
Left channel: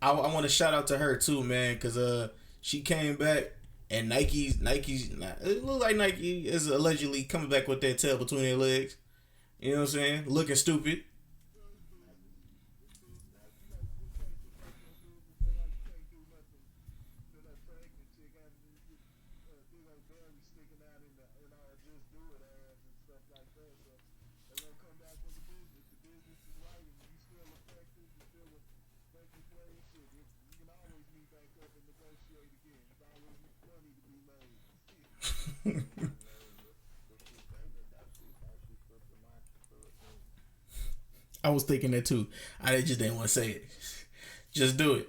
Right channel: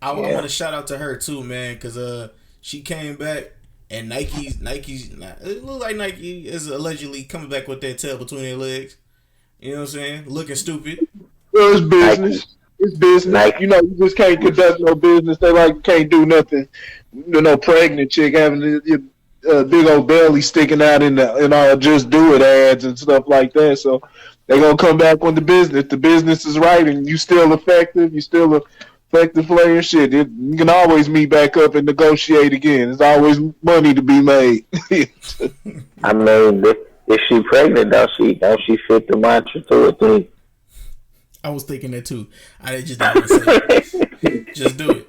I want to shout out to her too, man, because she came back and Nike's it looks like Nike is allegedly coming back with that tail between their legs. You know what I'm saying? Looking stupid. Well, it's business. Nike. It's business. Nike. You know, you just can't conduct no business. They can't do nothing. No pregnant chick having a big old belly sticking out in all Just Do It ads and stuff like that. So they gonna come back when the business is right, and you still effective. You still effective player. Shit, you can always meet back up and negotiate again. There's always money to be made. I mean, if she pregnant, don't she fit the mantra to a thing? I was thinking that too. I just didn't want to say it. Just do it.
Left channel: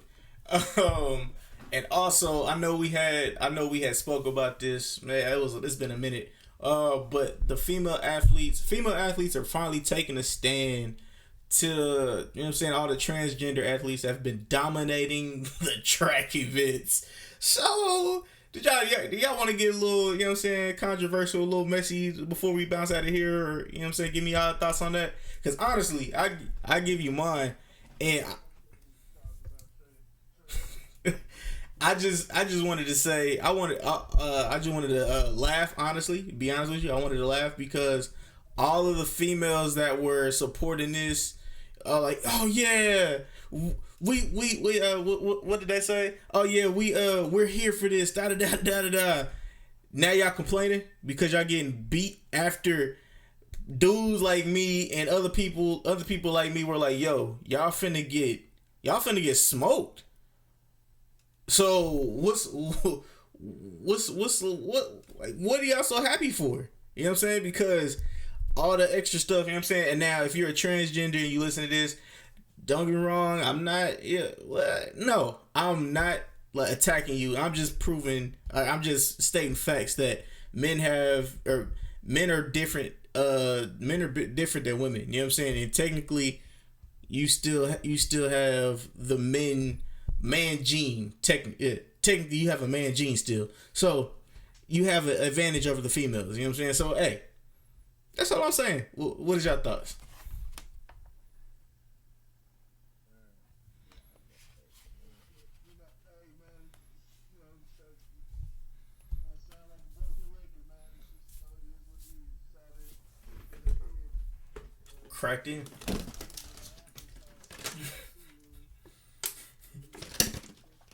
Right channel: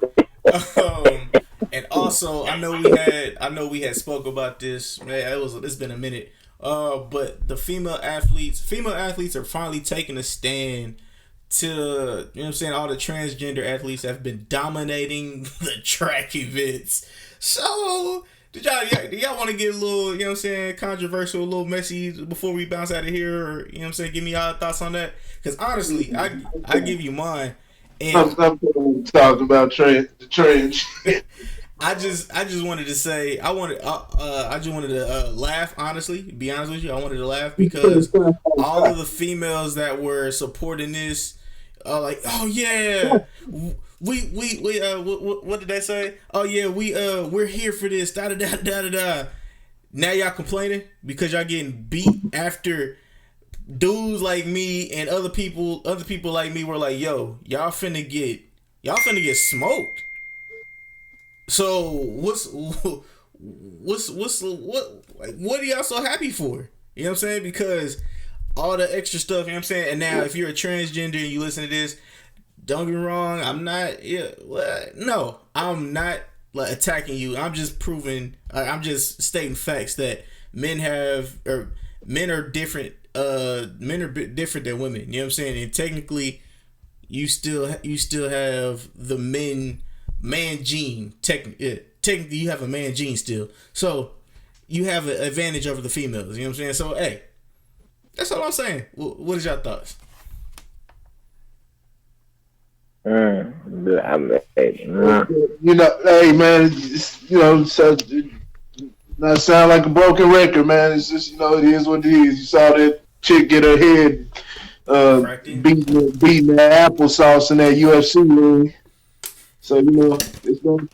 And also, I know we had spoke about this. Man, it's been a minute. But the female athletes are finally taking a stand to, you know what I'm saying, all the transgender athletes have been dominating the track events. So, do y'all want to get a little, you know what I'm saying, controversial, a little messy before we bounce out of here? Or, you know what I'm saying, give me y'all thoughts on that? Because honestly, I give you mine. And I'm talking about the trends. I just wanted to say I just wanted to laugh. Honestly, be honest with you, I wanted to laugh because all of the females that were supporting this, like, oh yeah, we what did they say? Oh yeah, we're here for this. Da da da da da. Now y'all complaining because y'all getting beat after dudes like me and other people like me were like, yo, y'all finna get smoked. So what are y'all so happy for? You know what I'm saying? Because all the extra stuff, you know what I'm saying? And now if you're a transgender and you listen to this, don't get me wrong, I'm not like attacking you. I'm just proving, I'm just stating facts that men are different. Men are different than women. You know what I'm saying? And technically, you still have the man gene. Technically, you have a man gene still. So you have an advantage over the females. You know what I'm saying? So hey, that's all I'm saying. What is your thoughts? You know, hey man, you know, so not sound like a broken record, man. It's just, you know, it is what it is. You saw that chick get her head beating the applesauce in that UFC ring. So, you know, it's gonna,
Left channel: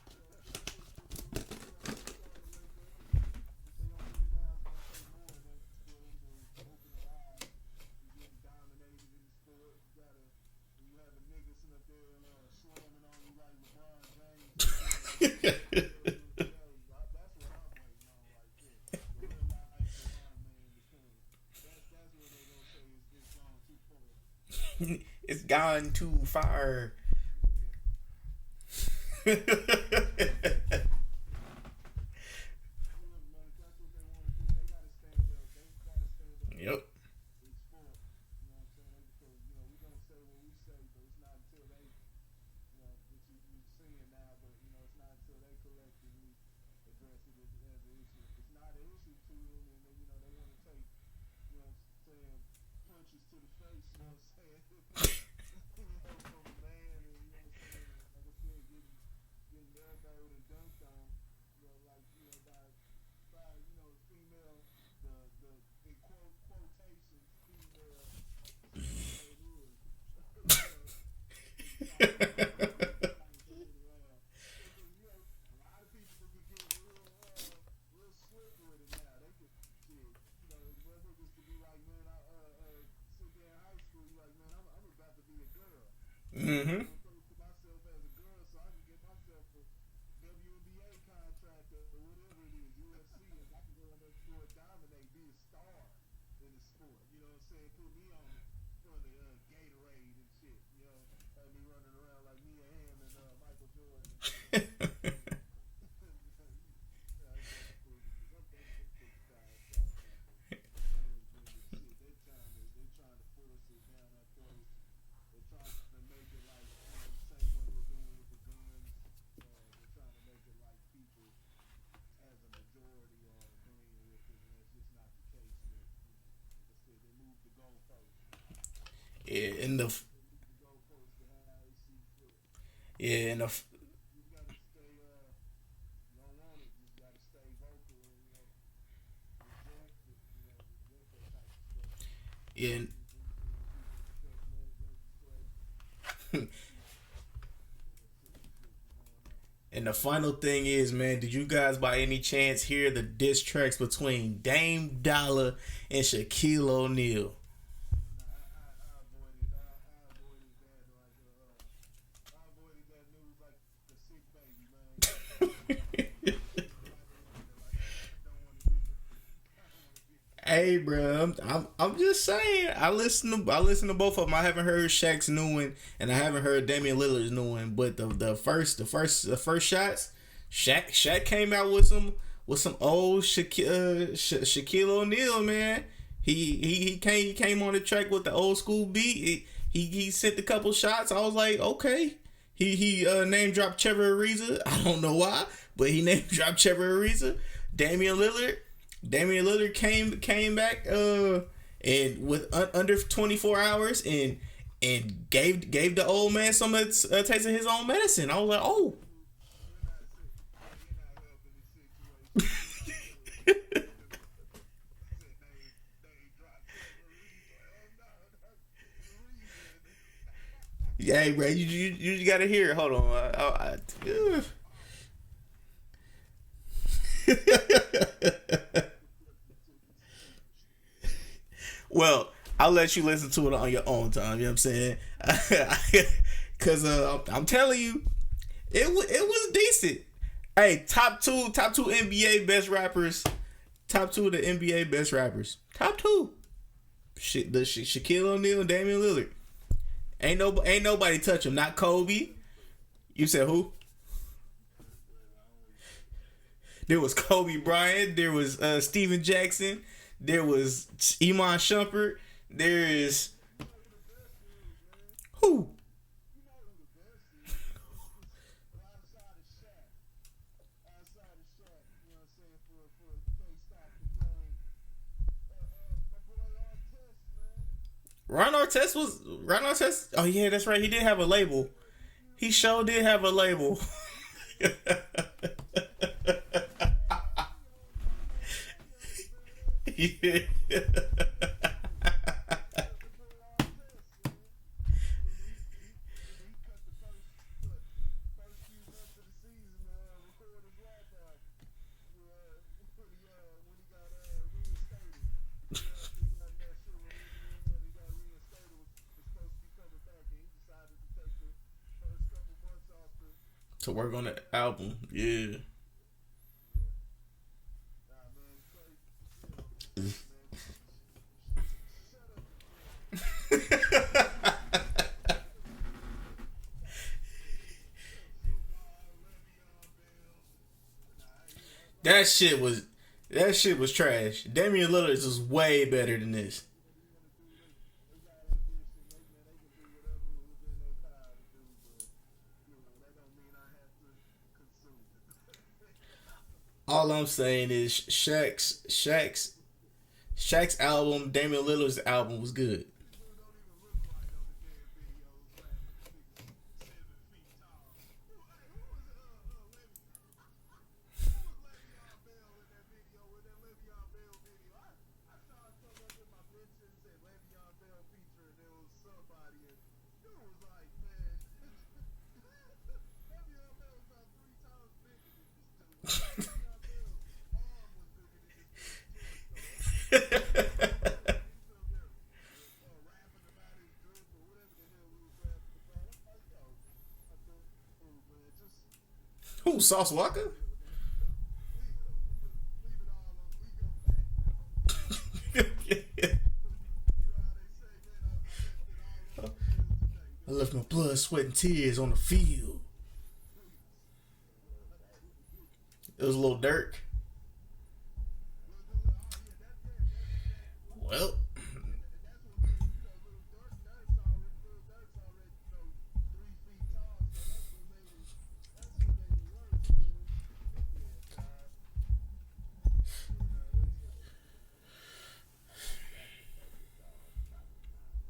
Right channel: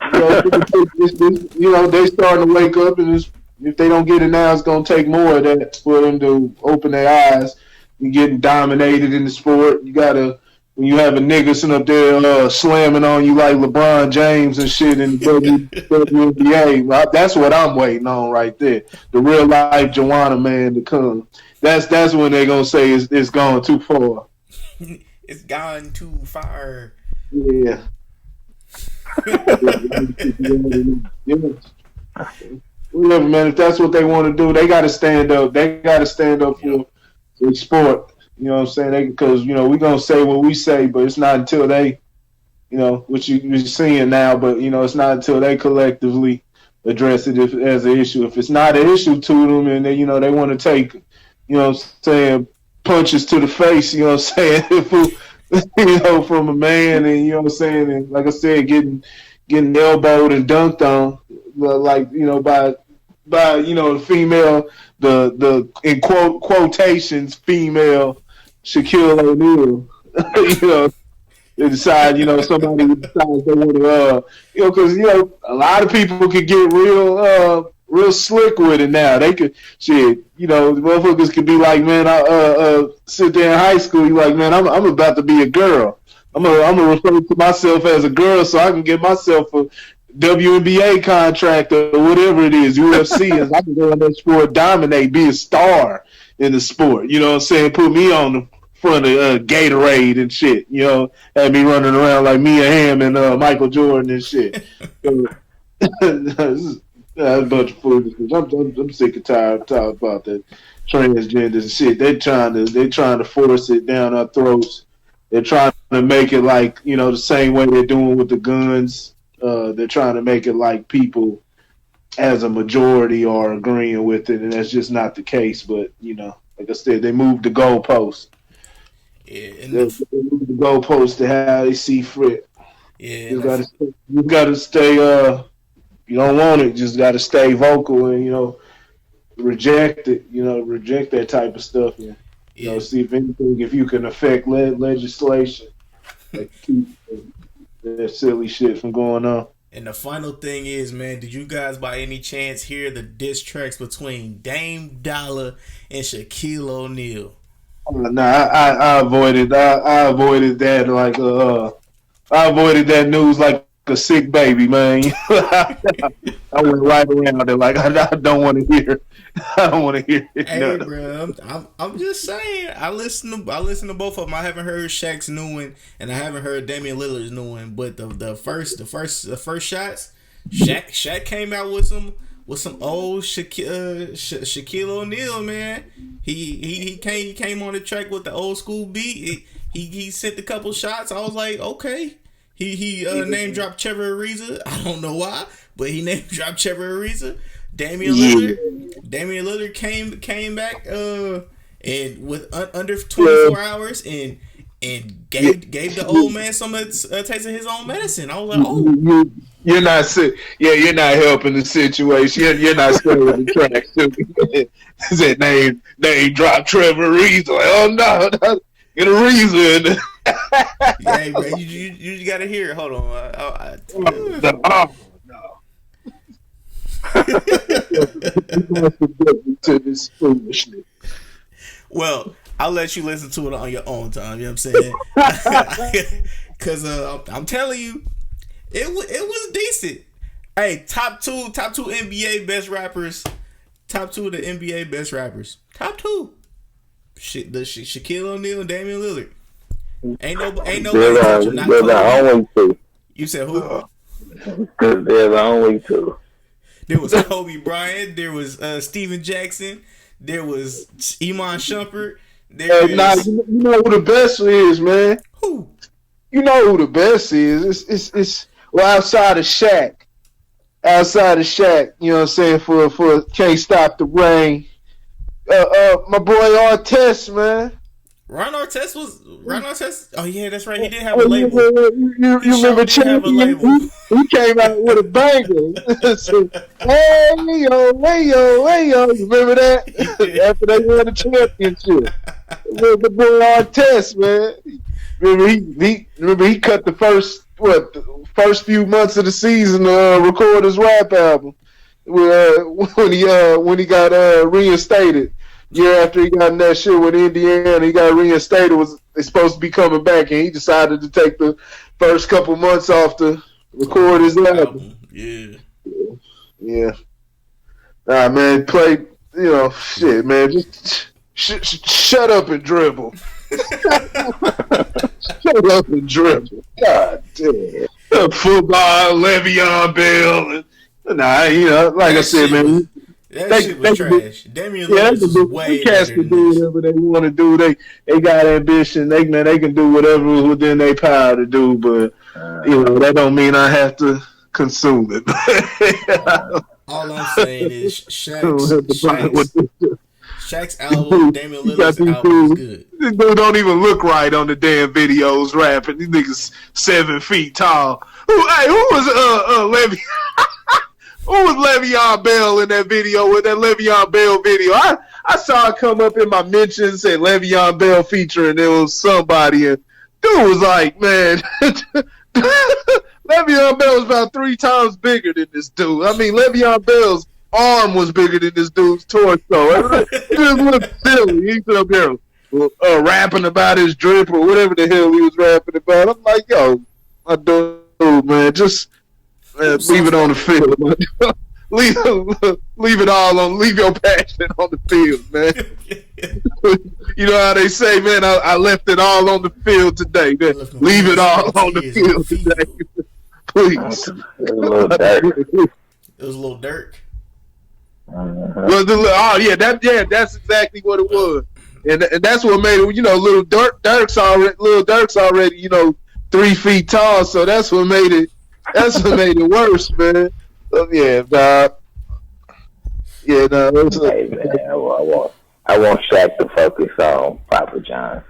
you know, they starting to wake up, and if they don't get it now, it's gonna take more of that for them to open their eyes. You're getting dominated in the sport. You gotta, when you have a nigga sitting up there slamming on you like LeBron James and shit in the WNBA, that's what I'm waiting on right there. The real life Joanna man to come. That's when they're gonna say it's gone too far. It's gone too far. Yeah. Whatever, man. If that's what they want to do, they got to stand up. They got to stand up for sport. You know what I'm saying? Because, you know, we're going to say what we say, but it's not until they, you know, which you're seeing now, but, you know, it's not until they collectively address it as an issue. If it's not an issue to them and they, you know, they want to take, you know what I'm saying, punches to the face, you know what I'm saying, you know, from a man, and you know what I'm saying, and like I said, getting elbowed and dunked on, like, you know, by you know, the female, the in quotations female Shaquille O'Neal, you know, they decide, you know, somebody decides they want to, you know, because, you know, a lot of people could get real slick with it now. They could, shit, you know, the motherfuckers could be like, man, I sit there in high school, you like, man, I'm about to be a girl. gonna refer to myself as a girl so I can get myself a WNBA contract or whatever it is, UFC, and I can go in that sport, dominate, be a star in the sport. You know what I'm saying? Put me on the front of Gatorade and shit. You know, have me running around like Mia Hamm and Michael Jordan and shit. That's a bunch of foolishness. I'm sick and tired of talking about that transgender and shit. They're trying to force it down our throats. They're trying to make it like, you know, the same way they're doing with the guns. They're trying to make it like people as a majority are agreeing with it, and that's just not the case. But, you know, like I said, they moved the goalpost. Yeah, and they moved the goalpost to how they see fit. Yeah, you gotta stay. You don't want it. Just gotta stay vocal and, you know, reject it. You know, reject that type of stuff. And, you know, see if anything, if you can affect legislation, like keep that silly shit from going on. And the final thing is, man, did you guys by any chance hear the diss tracks between Dame Dollar and Shaquille O'Neal? Nah, I avoided. I avoided that like I avoided that news like a sick baby, man. I went right around it like I don't want to hear. I don't want to hear it. Hey, bro, I'm just saying. I listen to both of them. I haven't heard Shaq's new one, and I haven't heard Damian Lillard's new one. But the first shots, Shaq came out with some old Shaquille O'Neal, man. He came on the track with the old school beat. He sent a couple shots. I was like, okay. He name dropped Trevor Ariza. I don't know why, but he name dropped Trevor Ariza. Damian Lillard came back and with under 24 hours and gave the old man some taste of his own medicine. I was like, oh. You're not sick. Yeah, you're not helping the situation. You're not staying the track. That name dropped Trevor Ariza. Like, oh no, get a reason. Yeah, bro, you gotta hear it. Hold on. Well, I'll let you listen to it on your own time. You know what I'm saying? Because I'm telling you, it was decent. Hey, top two NBA best rappers. Top two of the NBA best rappers. Top two. Shaquille O'Neal and Damian Lillard. Ain't nobody touching. Not Kobe. The only two. You said who? Because they're the only two. There was Kobe Bryant. There was Steven Jackson. There was Iman Shumpert. You know who the best is, man. Who? You know who the best is. It's outside of Shaq. Outside of Shaq, you know what I'm saying, for Can't Stop the Rain. My boy Artest, man. Ron Artest. Oh yeah, that's right. He did have a label. You remember did have a label. He came out with a banger. So, hey yo. You remember that? After they won the championship. The boy Artest, man. Remember he cut the first few months of the season to record his rap album. When he got reinstated. Year after he got in that shit with Indiana, he got reinstated. They supposed to be coming back, and he decided to take the first couple months off to record his album. Yeah. Nah, man, play. You know, shit, man. Just shut up and dribble. Shut up and dribble. God damn. Football, Le'Veon Bell, and nah, you know, like I said, man. That shit was trash. Damian Lillard is way better than do this. whatever they want to do. They got ambition. They can do whatever within their power to do. But you know that don't mean I have to consume it. All I'm saying is Shaq's album, Damian Lillard's album is good. This dude don't even look right on the damn videos rapping. These niggas 7 feet tall. Who was Levy? Who was Le'Veon Bell in that video, with that Le'Veon Bell video? I saw it come up in my mentions, said Le'Veon Bell featuring, there was somebody, and dude was like, man, Le'Veon Bell was about 3 times bigger than this dude. I mean, Le'Veon Bell's arm was bigger than this dude's torso. It just looked silly. He's up there rapping about his drip or whatever the hell he was rapping about. I'm like, yo, my dude, man, just leave it on the field. leave it all on. Leave your passion on the field, man. You know how they say, man. I left it all on the field today. Man. Leave it all on the field today, please. It was a little dark. It was a little Dirk. Well, that's exactly what it was, and that's what made it. You know, Dirk's already 3 feet tall, so that's what made it. That's what made it worse, man. So, yeah, dog. Yeah, no. Hey, man, I want Shaq to focus on Papa John's.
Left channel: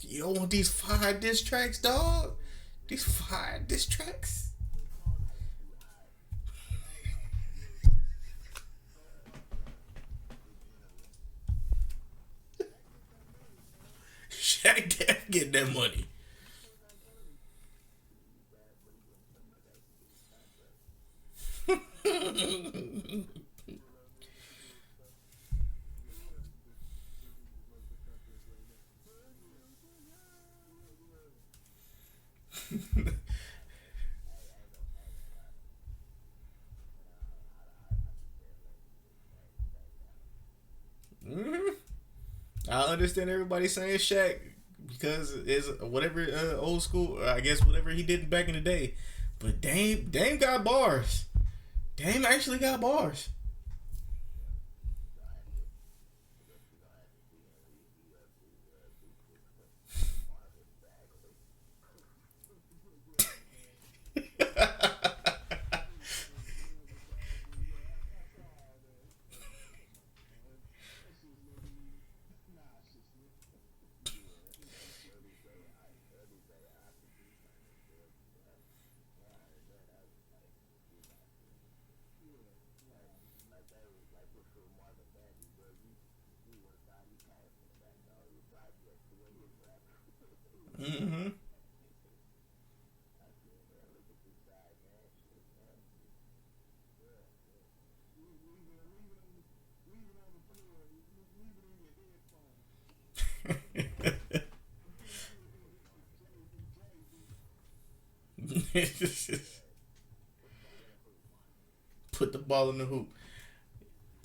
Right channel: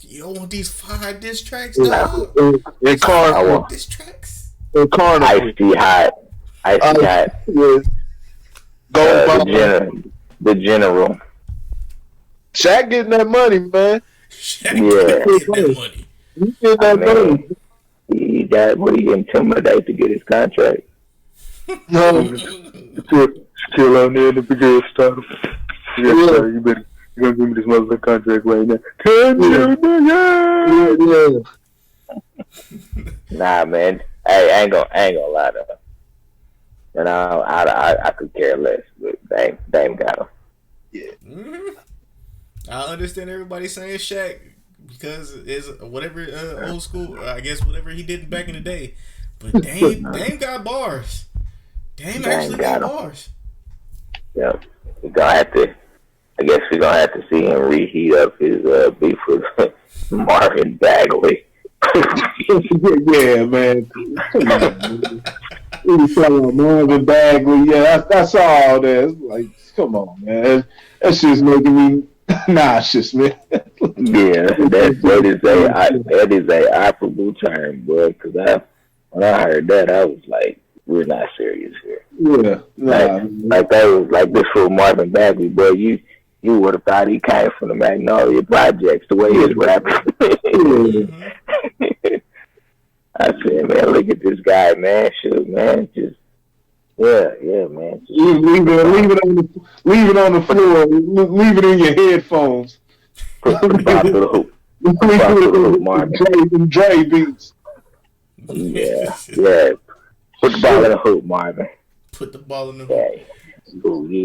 You don't want these 5 diss tracks, dog? And Carnival. Diss tracks? And Carnival. Ice-T Hot. Ice-T Hot. Yeah. The General. Shaq getting that money, man. Shaq getting that money. He getting that money. He got what he intimidated to get his contract. No. Still on there in the beginning stuff. Yeah, sir, you're gonna give me this motherfucking contract right now. Nah, man. Hey, I ain't gonna lie to him. And I could care less, but Dame got him. Yeah. Mm-hmm. I understand everybody saying Shaq because it's whatever old school. I guess whatever he did back in the day. But Dame got bars. Dame actually got bars. Yep. We're gonna have to. I guess we're gonna have to see him reheat up his beef with Marvin Bagley. Yeah, man. Come on, man. We was talking about Marvin Bagley. Yeah, I saw all that. It's like, come on, man. That's just making me nauseous, man. Yeah, that is a operable term, bro. Because when I heard that, I was like, we're not serious here. Yeah, like that was like this for Marvin Bagley, bro. You would have thought he came from the Magnolia Projects the way he's rapping. I said, man, look at this guy, man. Shoot, man, just man. Just, leave it on the floor. Leave it in your headphones. Put the ball to the hoop. Marvin. Dre beats. Yeah. Put the ball in the hoop, Marvin. Put the ball in the hoop.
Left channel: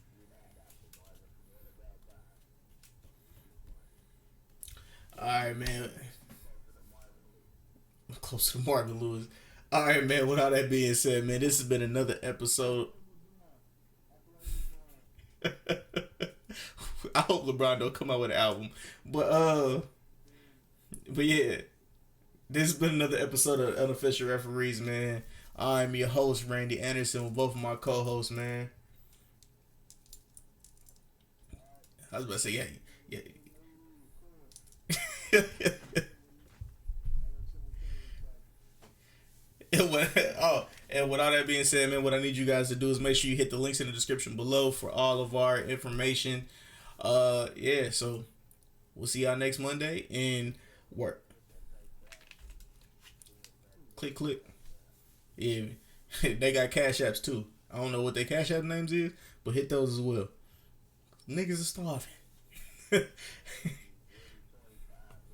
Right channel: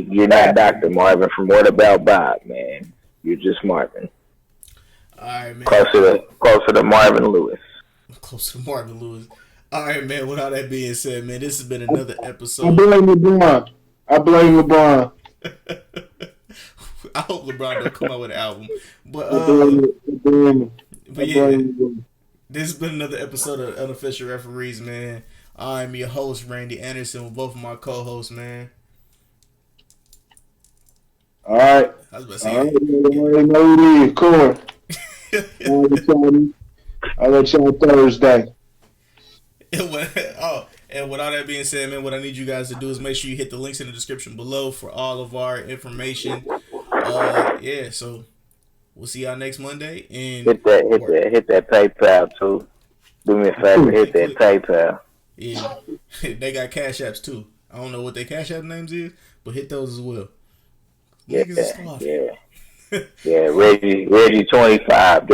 You're not Dr. Marvin from What About Bob, man. You're just Marvin. All right, man. Closer to Marvin Lewis. Close to Marvin Lewis. All right, man. With all that being said, man, this has been another episode. I blame LeBron. I hope LeBron don't come out with an album. But yeah, this has been another episode of Unofficial Referees, man. I'm your host, Randy Anderson, with both of my co-hosts, man. All right. I was about to say, I know it is. Corn. I'll let y'all Thursday. And with all that being said, man, what I need you guys to do is make sure you hit the links in the description below for all of our information. Yeah, so we'll see y'all next Monday. And hit that PayPal too. Do me a favor, hit that PayPal. Yeah, they got Cash Apps too. I don't know what their Cash App names is, but hit those as well. Niggas is Yeah, Reggie 25.